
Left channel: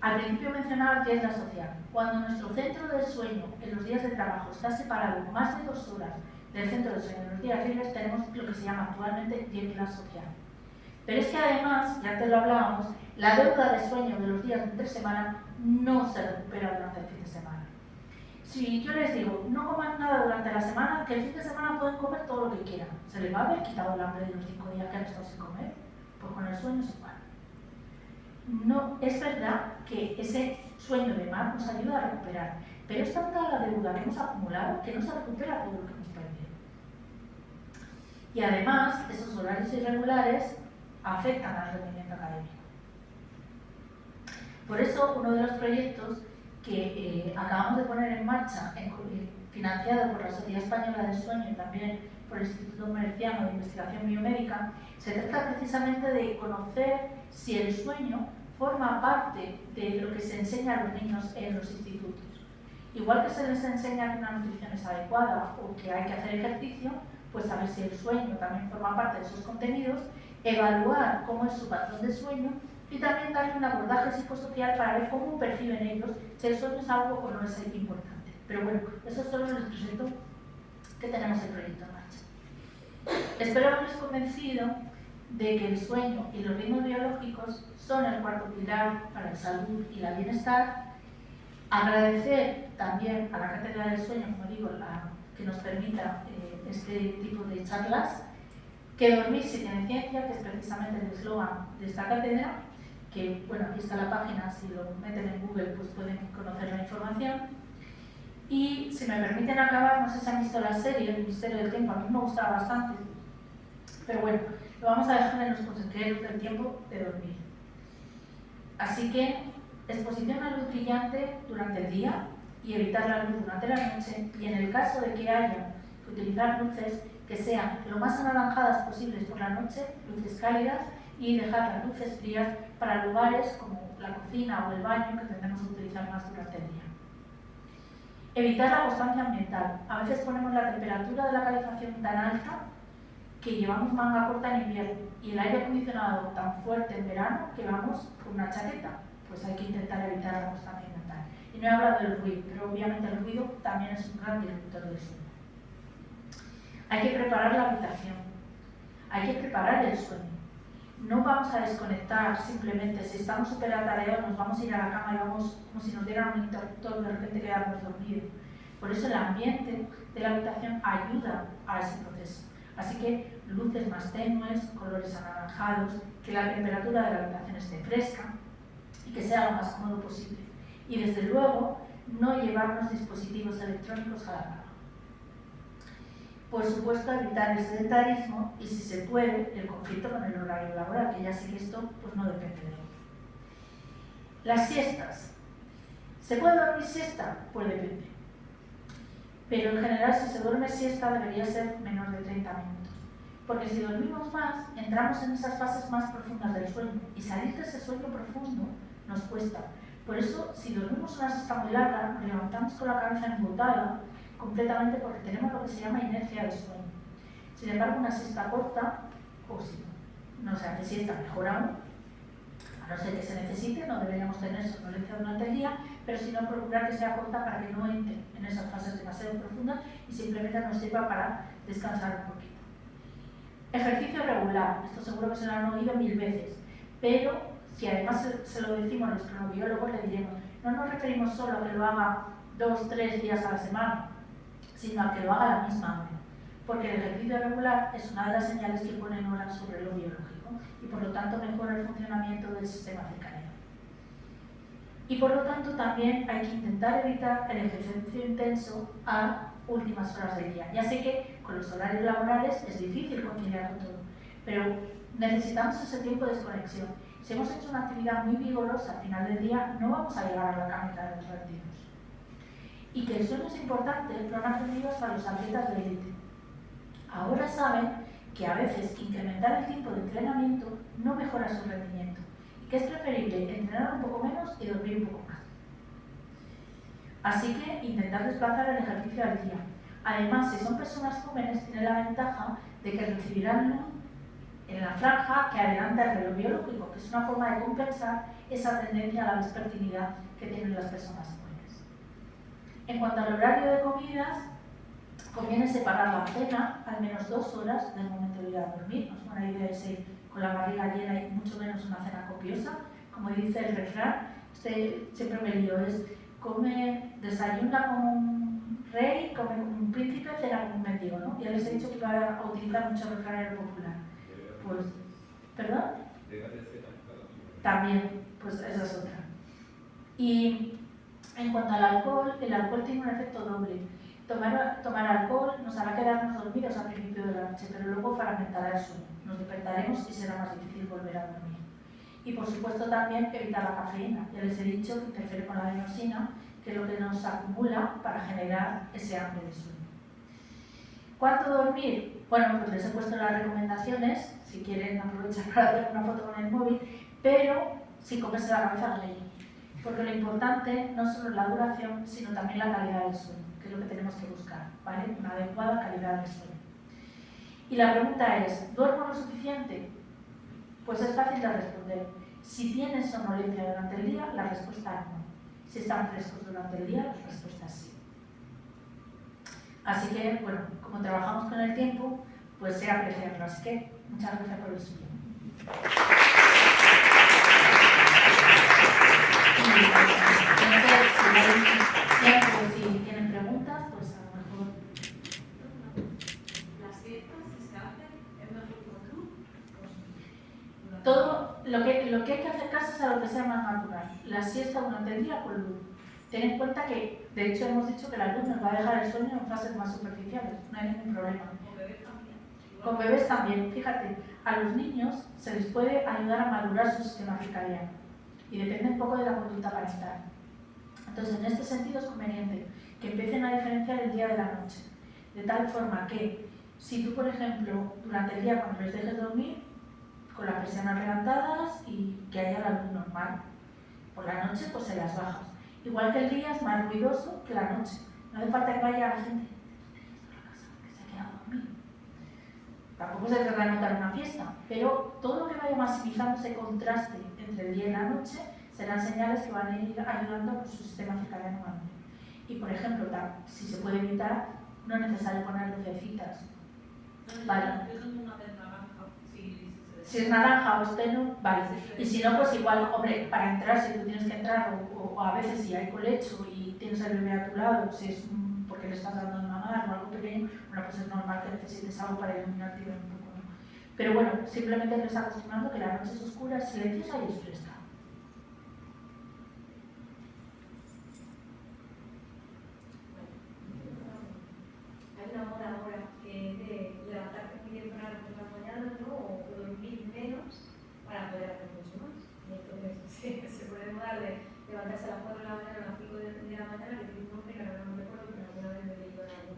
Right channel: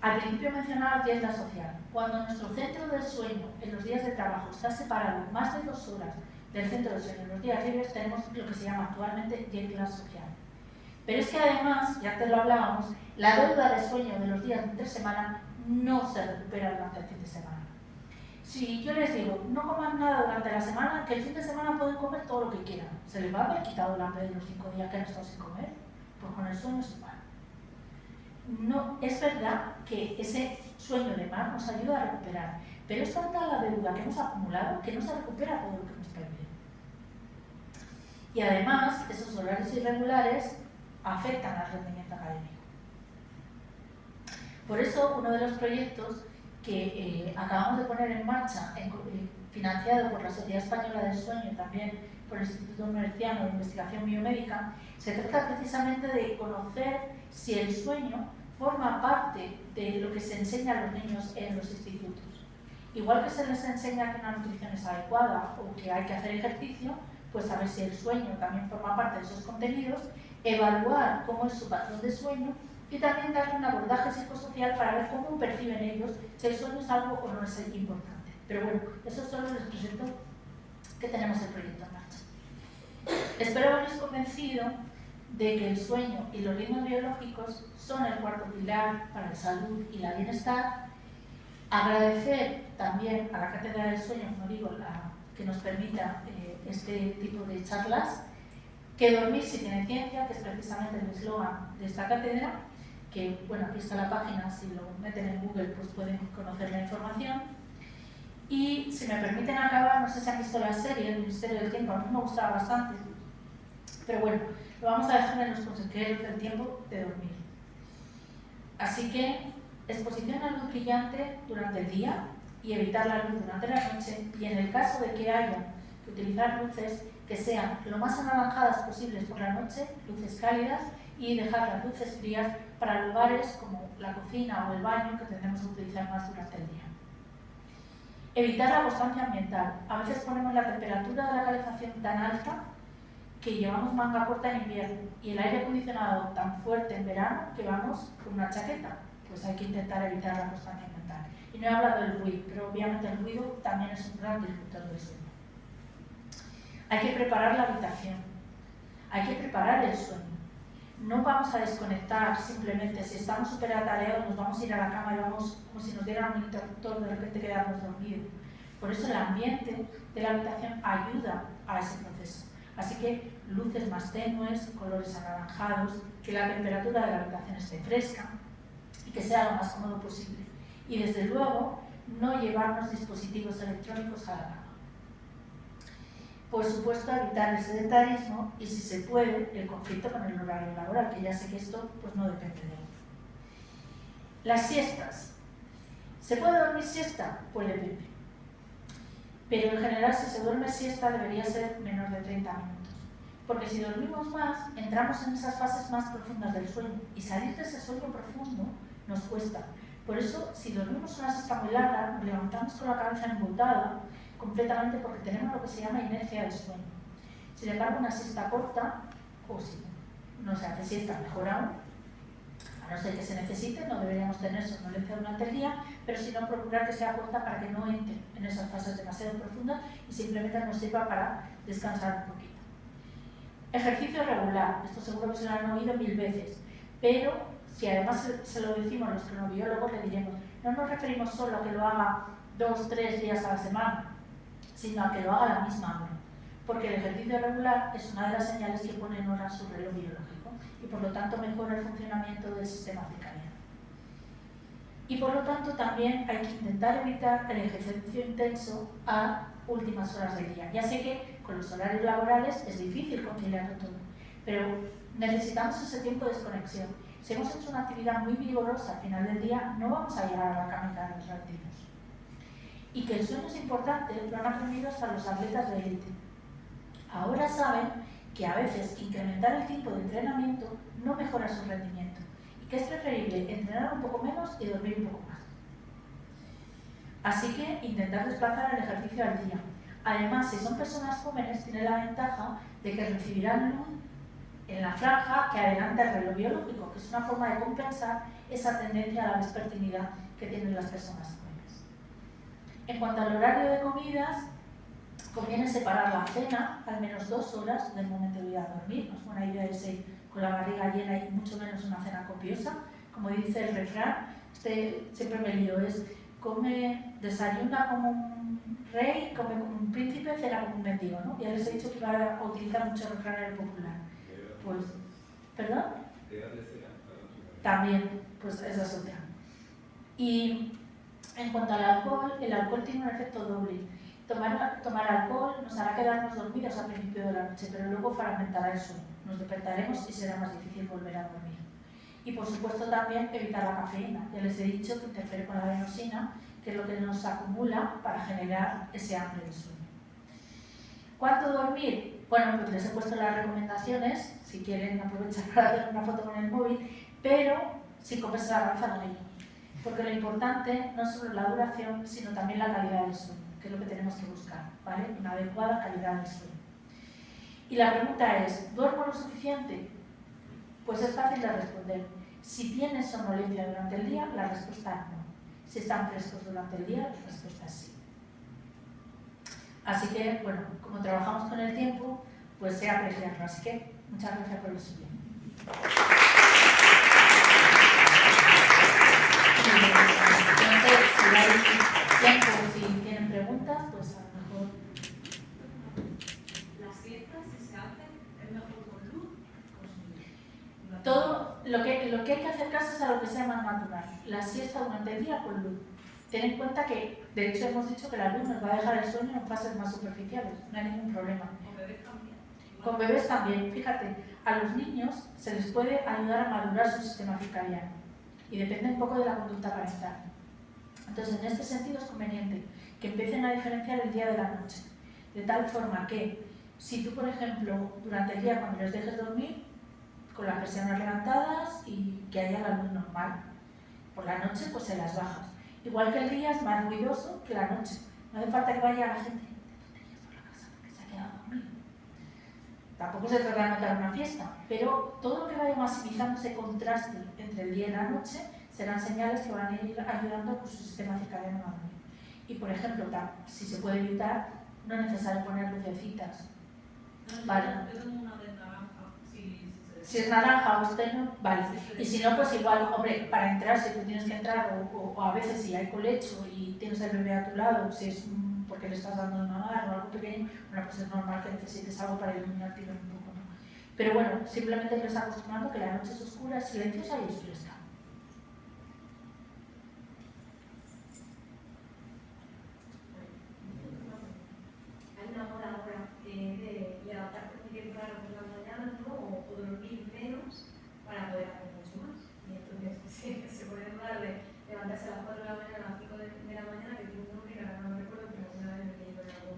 Al principio mencionaba que es la social. Cuando nuestro centro del sueño en los días de trabajo está separado más de 2 horas del centro del sueño en los días libres, tenemos lo que se llama actualmente jet lag social. Pero es que además, ya antes lo hablábamos, la deuda de sueño de los días de entre semana no se recupera durante el fin de semana. Si yo les digo, no coman nada durante la semana, que el fin de semana pueden comer todo lo que quieran, ¿se les va a haber quitado el hambre de los 5 días que han estado sin comer? Pues con el sueño es igual. No, es verdad que ese sueño de mar nos ayuda a recuperar, pero es tanta la deuda que hemos acumulado que no se recupera todo lo que hemos perdido. Y además, esos horarios irregulares afectan al rendimiento académico. Por eso, uno de los proyectos que acabamos de poner en marcha, financiado por la Sociedad Española del Sueño y también por el Instituto Murciano de Investigación Biomédica, se trata precisamente de conocer si el sueño forma parte de lo que se enseña a los niños en los institutos. Igual que se les enseña que una nutrición es adecuada o que hay que hacer ejercicio, pues saber si el sueño también forma parte de esos contenidos, evaluar cómo es su patrón de sueño y también darle un abordaje psicosocial para ver cómo perciben ellos si el sueño es algo o no es importante. Pero bueno, eso solo les presento que tenemos el proyecto en marcha. Espero haberles convencido de que el sueño y los ritmos biológicos son el cuarto pilar para la salud y el bienestar. Agradecer también a la Cátedra del Sueño, como digo, que nos permita este tipo de charlas, que dormir sí tiene ciencia, que es precisamente el eslogan de esta cátedra, que bueno, aquí está la página, si lo meten en Google pues pueden conocer la información. Y si me permiten acabar, no sé si han visto la serie El Misterio del Tiempo, a mí me gustaba bastante, pero bueno, lo vamos a dejar en los consejeros del tiempo de dormir. Así que exposición a luz brillante durante el día y evitar la luz durante la noche, y en el caso de que haya que utilizar luces que sean lo más anaranjadas posibles por la noche, luces cálidas, y dejar las luces frías para lugares como la cocina o el baño que tendremos que utilizar más durante el día. Evitar la constancia ambiental. A veces ponemos la temperatura de la calefacción tan alta que llevamos manga corta en invierno y el aire acondicionado tan fuerte en verano que vamos con una chaqueta. Pues hay que intentar evitar la constancia ambiental. Y no he hablado del ruido, pero obviamente el ruido también es un gran disruptor del sueño. Hay que preparar la habitación, hay que preparar el sueño. No vamos a desconectar simplemente, si estamos súper atareados nos vamos a ir a la cama y vamos como si nos dieran un interruptor, de repente quedamos dormidos. Por eso el ambiente de la habitación ayuda a ese proceso. Así que luces más tenues, colores anaranjados, que la temperatura de la habitación esté fresca y que sea lo más cómodo posible. Y desde luego, no llevarnos dispositivos electrónicos a la cama. Por supuesto, evitar el sedentarismo y, si se puede, el conflicto con el horario laboral, que ya sé que esto pues, no depende de él. Las siestas. ¿Se puede dormir siesta? Pues depende. Pero en general, si se duerme siesta, debería ser menos de 30 minutos. Porque si dormimos más, entramos en esas fases más profundas del sueño. Y salir de ese sueño profundo nos cuesta. Por eso, si dormimos una siesta muy larga, nos levantamos con la cabeza embotada completamente porque tenemos lo que se llama inercia del sueño. Sin embargo, una siesta corta, o si no se hace siesta, mejor aún, a no ser que se necesite, no deberíamos tener somnolencia durante el día, pero si no, procurar que sea corta para que no entre en esas fases demasiado profundas y simplemente nos sirva para descansar un poquito. Ejercicio regular, esto seguro que se lo han oído 1000 veces, pero si además se lo decimos a los cronobiólogos, le diremos, no nos referimos solo a que lo haga 2-3 días a la semana, sino a que lo haga a la misma hora, porque el ejercicio regular es una de las señales que pone en hora su reloj biológico y por lo tanto mejora el funcionamiento del sistema circadiano. Y por lo tanto también hay que intentar evitar el ejercicio intenso a últimas horas del día. Ya sé que con los horarios laborales es difícil conciliarlo todo, pero necesitamos ese tiempo de desconexión. Si hemos hecho una actividad muy vigorosa al final del día, no vamos a llegar a la camita de los retiros. Y que el sueño es importante lo han aprendido hasta los atletas de élite. Ahora saben que a veces incrementar el tiempo de entrenamiento no mejora su rendimiento y que es preferible entrenar un poco menos y dormir un poco más. Así que intentar desplazar el ejercicio al día. Además, si son personas jóvenes, tiene la ventaja de que recibirán luz en la franja que adelanta el reloj biológico, que es una forma de compensar esa tendencia a la vespertinidad que tienen las personas jóvenes. En cuanto al horario de comidas, conviene separar la cena al menos 2 horas del momento de ir a dormir. No es buena idea irse con la barriga llena y mucho menos una cena copiosa. Como dice el refrán, siempre me lío, es desayuna como un rey, come como un príncipe, cena como un mendigo, ¿no? Ya les he dicho que iba a utilizar mucho el refrán popular. Pues, ¿perdón? También, pues esa es otra. Y en cuanto al alcohol, el alcohol tiene un efecto doble. Tomar alcohol nos hará quedarnos dormidos al principio de la noche, pero luego fragmentará el sueño. Nos despertaremos y será más difícil volver a dormir. Y por supuesto también evitar la cafeína. Ya les he dicho que interfiere con la adenosina, que es lo que nos acumula para generar ese hambre de sueño. ¿Cuánto dormir? Bueno, pues les he puesto las recomendaciones, si quieren aprovechar para hacer una foto con el móvil, pero sin comerse la cabeza con ello. Porque lo importante no solo es la duración, sino también la calidad del sueño, que es lo que tenemos que buscar, ¿vale? Una adecuada calidad del sueño. Y la pregunta es, ¿duermo lo suficiente? Pues es fácil de responder. Si tienes somnolencia durante el día, la respuesta es no. Si están frescos durante el día, la respuesta es sí. Así que, bueno, como trabajamos con el tiempo, pues sé apreciarlo. Así que, muchas gracias por el suyo. Si tienen preguntas, pues a lo mejor. ¿Las siestas, si se hacen, es mejor con luz? Todo lo que hay que acercarse es a lo que sea más natural. La siesta durante el día con luz. Ten en cuenta que, de hecho, hemos dicho que la luz nos va a dejar el sueño en fases más superficiales. No hay ningún problema. ¿Con bebés también? Con bebés también. Fíjate, a los niños se les puede ayudar a madurar su sistema circadiano. Y depende un poco de la conducta parental. Entonces, en este sentido es conveniente que empiecen a diferenciar el día de la noche. De tal forma que, si tú, por ejemplo, durante el día cuando les dejes dormir, con las persianas levantadas y que haya la luz normal, por la noche pues se las bajas. Igual que el día es más ruidoso que la noche. No hace falta que vaya la gente que se ha quedado dormido. Tampoco se trata de montar una fiesta, pero todo lo que vaya maximizando ese contraste entre el día y la noche serán señales que van a ir ayudando con su sistema circadiano maduro. Y por ejemplo, si se puede evitar, no es necesario poner lucecitas. Vale. Yo tengo una de naranja. Si es naranja o esteno, vale. Y si no, pues igual, hombre, para entrar, si tú tienes que entrar, o a veces si hay colecho y tienes al bebé a tu lado, si es porque le estás dando una mano o algo pequeño, bueno, pues es normal que necesites algo para iluminarte un poco, ¿no? Pero bueno, simplemente les acostumbrando que la noche es oscura, es silenciosa y es fresca. Hay una hora ahora que es de levantarte muy temprano por la mañana, ¿no? O dormir menos para poder hacer mucho más. Y entonces se puede dar de levantarse a las 4 de la mañana, a las 5 de la mañana, que tiene un nombre que ahora no me recuerdo, pero alguna vez me leí con algo.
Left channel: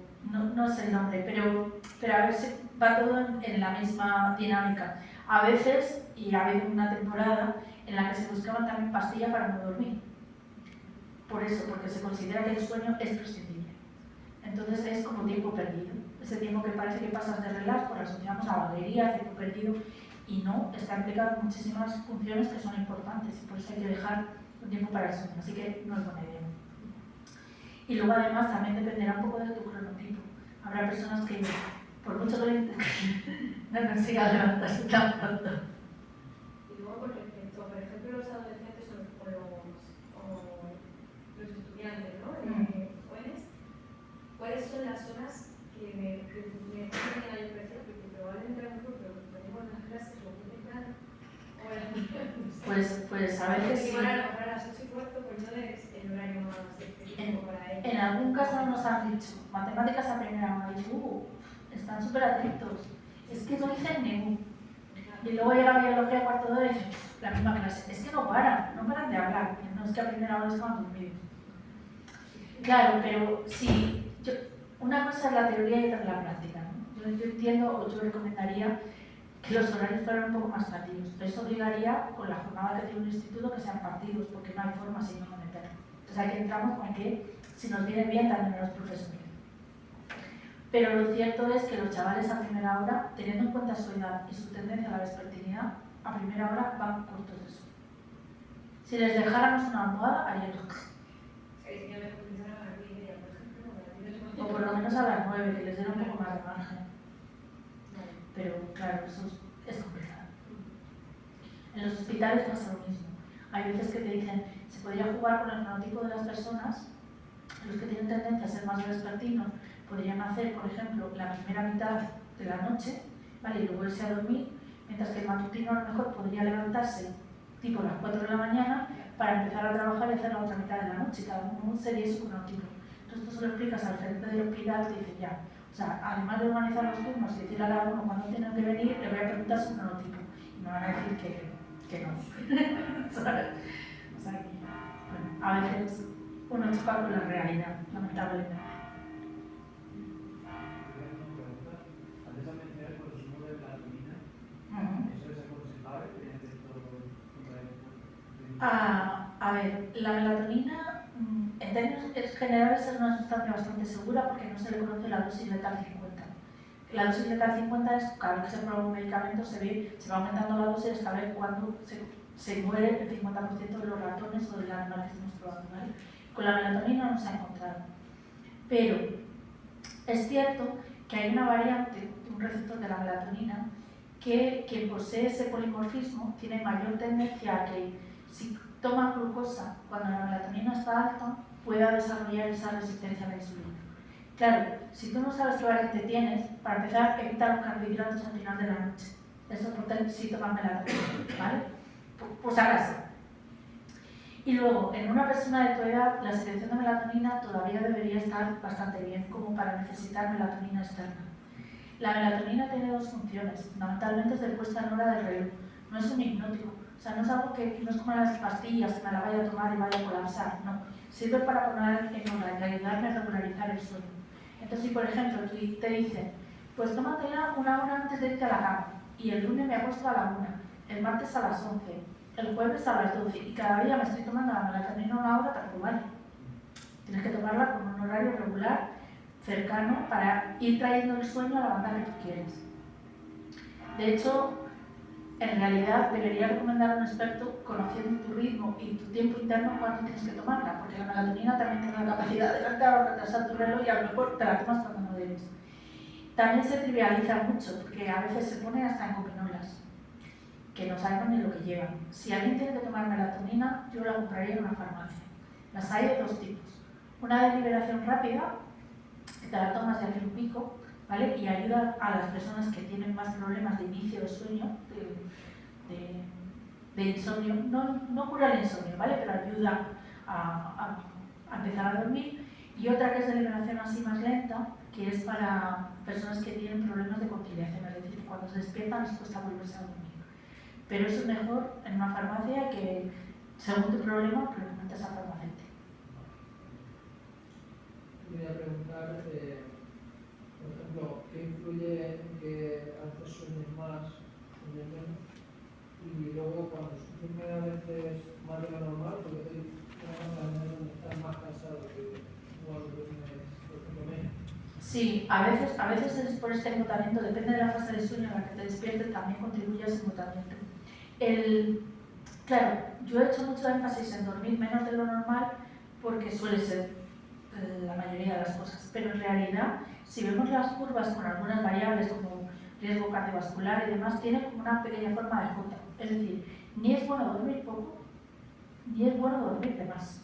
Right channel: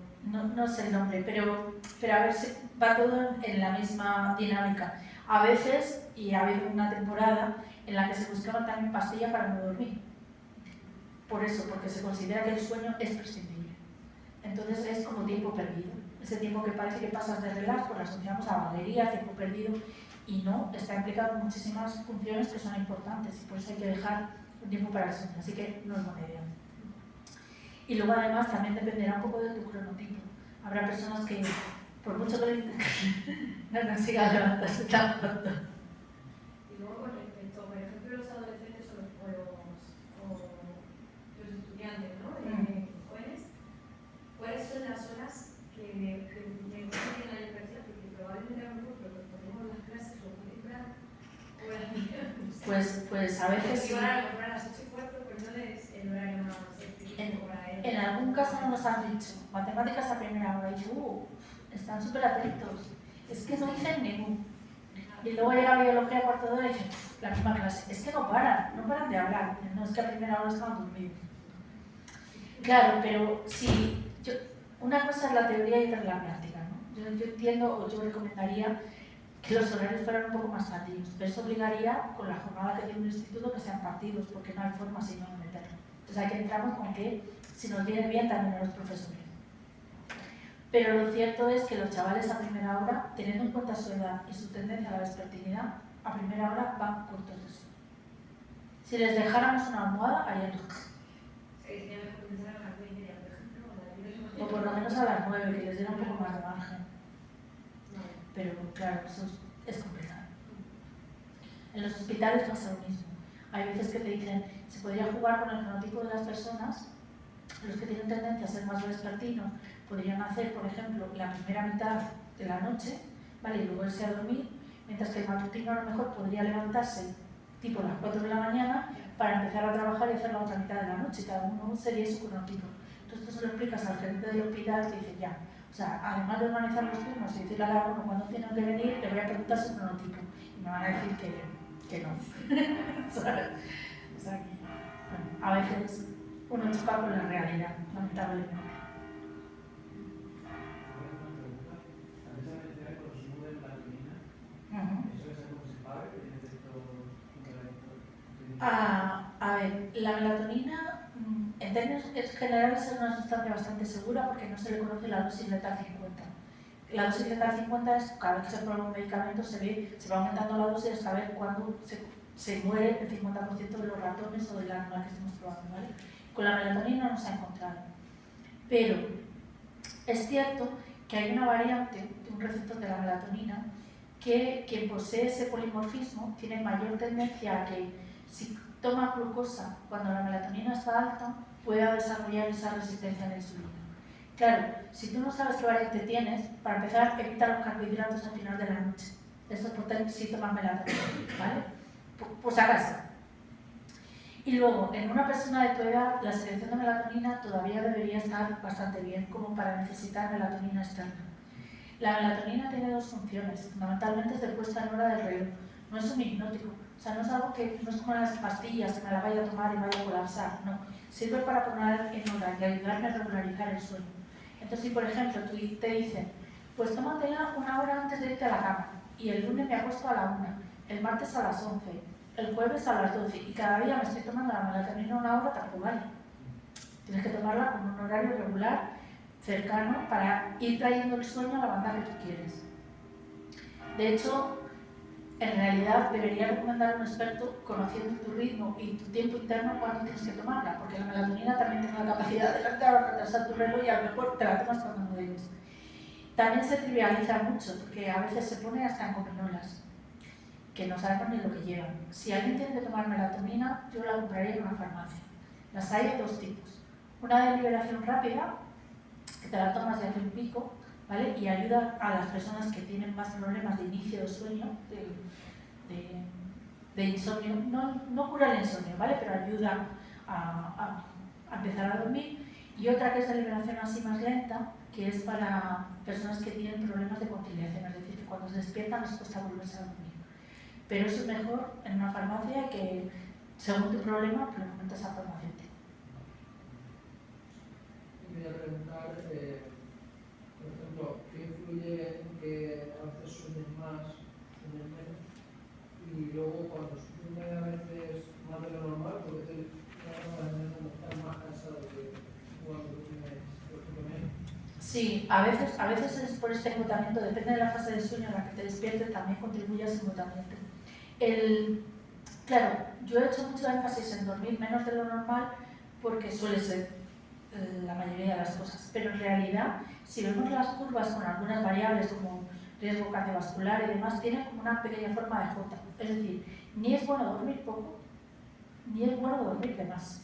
No sé el nombre, pero a ver si va todo en la misma dinámica. A veces, y ha habido una temporada en la que se buscaban también pastillas para no dormir. por eso, porque se considera que el sueño es prescindible. Entonces es como tiempo perdido. Ese tiempo que parece que pasas de relax, pues lo asociamos a vaguería, tiempo perdido, y no, está implicado en muchísimas funciones que son importantes, y por eso hay que dejar un tiempo para el sueño, así que no es buena idea. Y luego además también dependerá un poco de tu cronotipo. Habrá personas que, por mucho que no consigan levantarse tan pronto. Y luego con respecto, por ejemplo, los adolescentes o los estudiantes, ¿no? Jóvenes, ¿cuáles son las horas que me ponen a la impresión? Porque probablemente a lo mejor ponemos las clases o muy temprano, o Pues a veces sí. Van a comprar a las 8:15, pues no es el horario más específico para ellos. En algún caso nos han dicho, matemáticas a primera hora, y están súper atentos. Es que no dicen ningún. Y luego llega biología a cuarto de hora y dicen, la misma clase. Es que no paran de hablar. No es que a primera hora estaban dormidos. Claro, pero si una cosa es la teoría y otra es la práctica, ¿no? Yo entiendo, o yo recomendaría que los horarios fueran un poco más tardíos, pero eso obligaría, con la jornada que tiene un instituto, que sean partidos, porque no hay forma si no meterlo. Entonces aquí entramos con que si nos viene bien también a los profesores. Pero lo cierto es que los chavales a primera hora, teniendo en cuenta su edad y su tendencia a la vespertinidad, a primera hora van cortos de sueño. Si les dejáramos una almohada, harían o por lo menos a las 9, que les diera un poco más de margen. Pero claro, eso es complicado. En los hospitales pasa lo mismo. Hay veces que te dicen, se podría jugar con el fenotipo de las personas. Los que tienen tendencia a ser más vespertinos podrían hacer, por ejemplo, la primera mitad de la noche, ¿vale? Y luego irse a dormir, mientras que el matutino a lo mejor podría levantarse tipo a las 4 de la mañana para empezar a trabajar y hacer la otra mitad de la noche. Cada uno sería su cronotipo. Entonces tú se lo explicas al gerente del hospital y te dice ya. O sea, además de organizar los turnos y decirle a cada uno cuándo tienen que venir, le voy a preguntar su cronotipo. Y me van a decir que no. ¿Sabes? O sea, bueno, a veces uno choca con la realidad, lamentablemente. Antes has mencionado el consumo de melatonina. ¿Eso es aconsejable? ¿Tiene efecto A ver, la melatonina en términos generales es una sustancia bastante segura porque no se le conoce la dosis letal 50. La dosis letal 50 es cada vez que se prueba un medicamento se va aumentando la dosis hasta ver cuándo se muere el 50% de los ratones o del animal que estamos probando, ¿vale? Con la melatonina no se ha encontrado. Pero es cierto que hay una variante de un receptor de la melatonina que quien posee ese polimorfismo tiene mayor tendencia a que si toma glucosa cuando la melatonina está alta pueda desarrollar esa resistencia a la insulina. Claro, si tú no sabes qué variante tienes, para empezar evita los carbohidratos al final de la noche. Eso es si tomas melatonina, ¿vale? Por si acaso. Y luego, en una persona de tu edad, la secreción de melatonina todavía debería estar bastante bien como para necesitar melatonina externa. La melatonina tiene dos funciones, fundamentalmente es de puesta en hora del reloj, no es un hipnótico, o sea, no es algo que no es como las pastillas que me la vaya a tomar y vaya a colapsar, no, sirve para poner en hora y ayudarme a regularizar el sueño. Entonces, si por ejemplo te dicen, pues tómatela una hora antes de irte a la cama, y el lunes me acuesto a la 1, el martes a las 11, el jueves a las 12, y cada día me estoy tomando la melatonina una hora, tampoco vale. Tienes que tomarla con un horario regular, cercano, para ir trayendo el sueño a la banda que tú quieres. De hecho, en realidad debería recomendar a un experto, conociendo tu ritmo y tu tiempo interno, cuándo tienes que tomarla, porque la melatonina también tiene la capacidad de adelantar o retrasar tu reloj y a lo mejor te la tomas cuando no debes. También se trivializa mucho, porque a veces se pone hasta en gominolas, que no sabemos ni lo que llevan. Si alguien tiene que tomar melatonina, yo la compraría en una farmacia. Las hay de dos tipos. Una de liberación rápida, que te la tomas de hace un pico, ¿vale? Y ayuda a las personas que tienen más problemas de inicio de sueño, de insomnio. No cura el insomnio, ¿vale? Pero ayuda a empezar a dormir. Y otra que es de liberación así más lenta, que es para personas que tienen problemas de conciliación, es decir, que cuando se despiertan les cuesta volverse a dormir. Pero eso es mejor en una farmacia que, según tu problema, preguntas al farmacéutico. Voy a preguntar, por ejemplo, ¿qué influye en que a veces sueñes más, sueñes menos? Y luego, cuando sueñes a veces más de lo normal, porque te estás más que igual duermes, por ejemplo, menos. Sí, a veces es por este embotamiento, depende de la fase de sueño en la que te despiertes, también contribuye a ese embotamiento. Claro, yo he hecho mucho énfasis en dormir menos de lo normal porque suele ser la mayoría de las cosas, pero en realidad, si vemos las curvas con algunas variables como riesgo cardiovascular y demás, tienen como una pequeña forma de J. Es decir, ni es bueno dormir poco, ni es bueno dormir de más.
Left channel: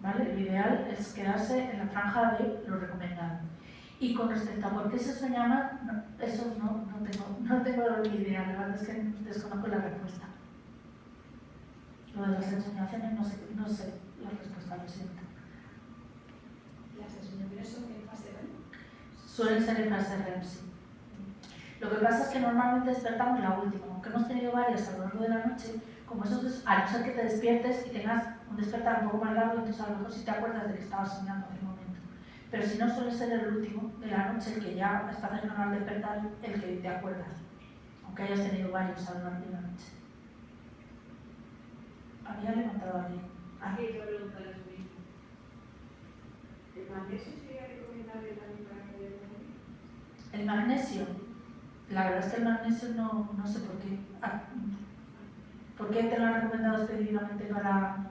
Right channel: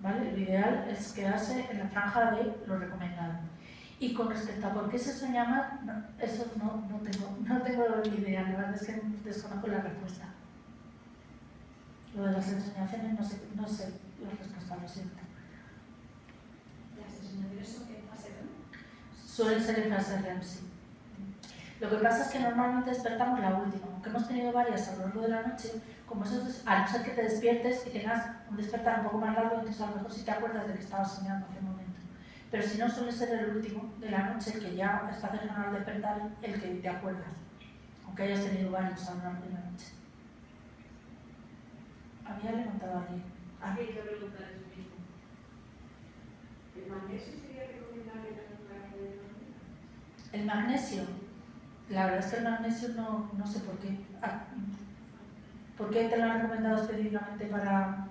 ¿Vale? Lo ideal es quedarse en la franja de lo recomendado. Y con respecto a por qué se sueña más, no, eso no tengo la idea, la verdad es que desconozco la respuesta. Lo de las ensoñaciones no sé la respuesta, lo siento. Las ensoñaciones son en fase REM. Suelen ser en fase REM, sí. Lo que pasa es que normalmente despertamos la última, aunque hemos tenido varias a lo largo de la noche, como eso es, a no ser que te despiertes y tengas un despertar un poco más largo, entonces a lo mejor sí te acuerdas de que estabas soñando en aquel momento. Pero si no, suele ser el último de la noche, que ya está cercano al despertar, el que te acuerdas, aunque hayas tenido varios a lo largo de la noche. Había levantado a alguien. Aquí hay que preguntar eso mismo. ¿El magnesio sería recomendable también para poder dormir? El magnesio, la verdad es que el magnesio no sé por qué. ¿Por qué te lo han recomendado específicamente para...?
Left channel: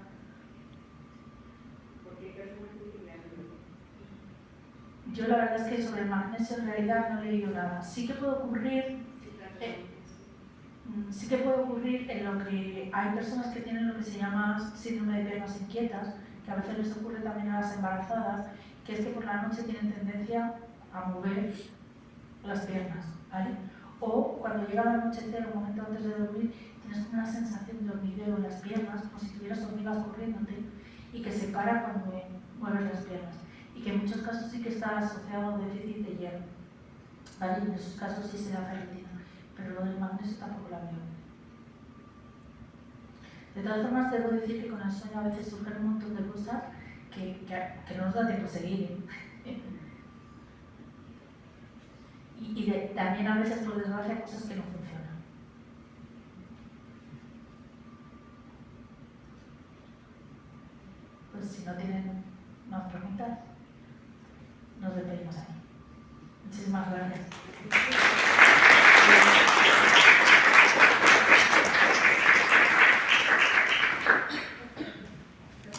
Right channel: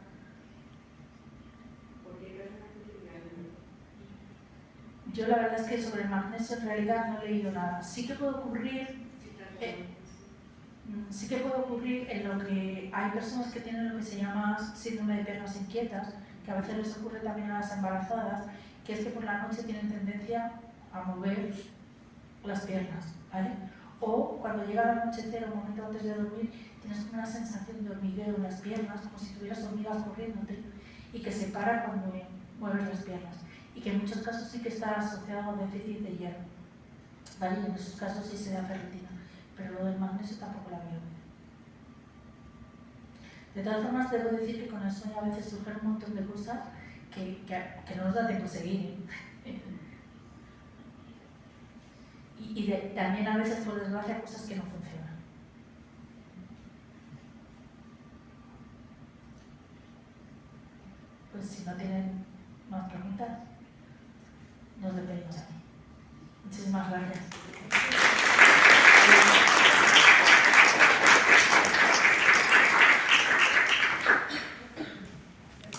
Porque hay personas que dicen que ayuda. Yo la verdad es que sobre el magnesio en realidad no he leído nada. Sí que puede ocurrir, Sí, claro, sí que puede ocurrir en lo que hay personas que tienen lo que se llama síndrome de piernas inquietas, que a veces les ocurre también a las embarazadas, que es que por la noche tienen tendencia a mover las piernas, ¿vale? O cuando llega el anochecer, un momento antes de dormir, tienes una sensación de hormigueo en las piernas, como si tuvieras hormigas corriéndote, y que se para cuando mueves las piernas. Y que en muchos casos sí que está asociado a déficit de hierro, ¿vale? Y en esos casos sí se da ferritina, pero lo del magnesio tampoco la veo. De todas formas, debo decir que con el sueño a veces surgen un montón de cosas que no nos da tiempo a seguir. También a veces, por desgracia, cosas que no funcionan. Pues si no tienen más preguntas, nos despedimos aquí. Muchísimas gracias.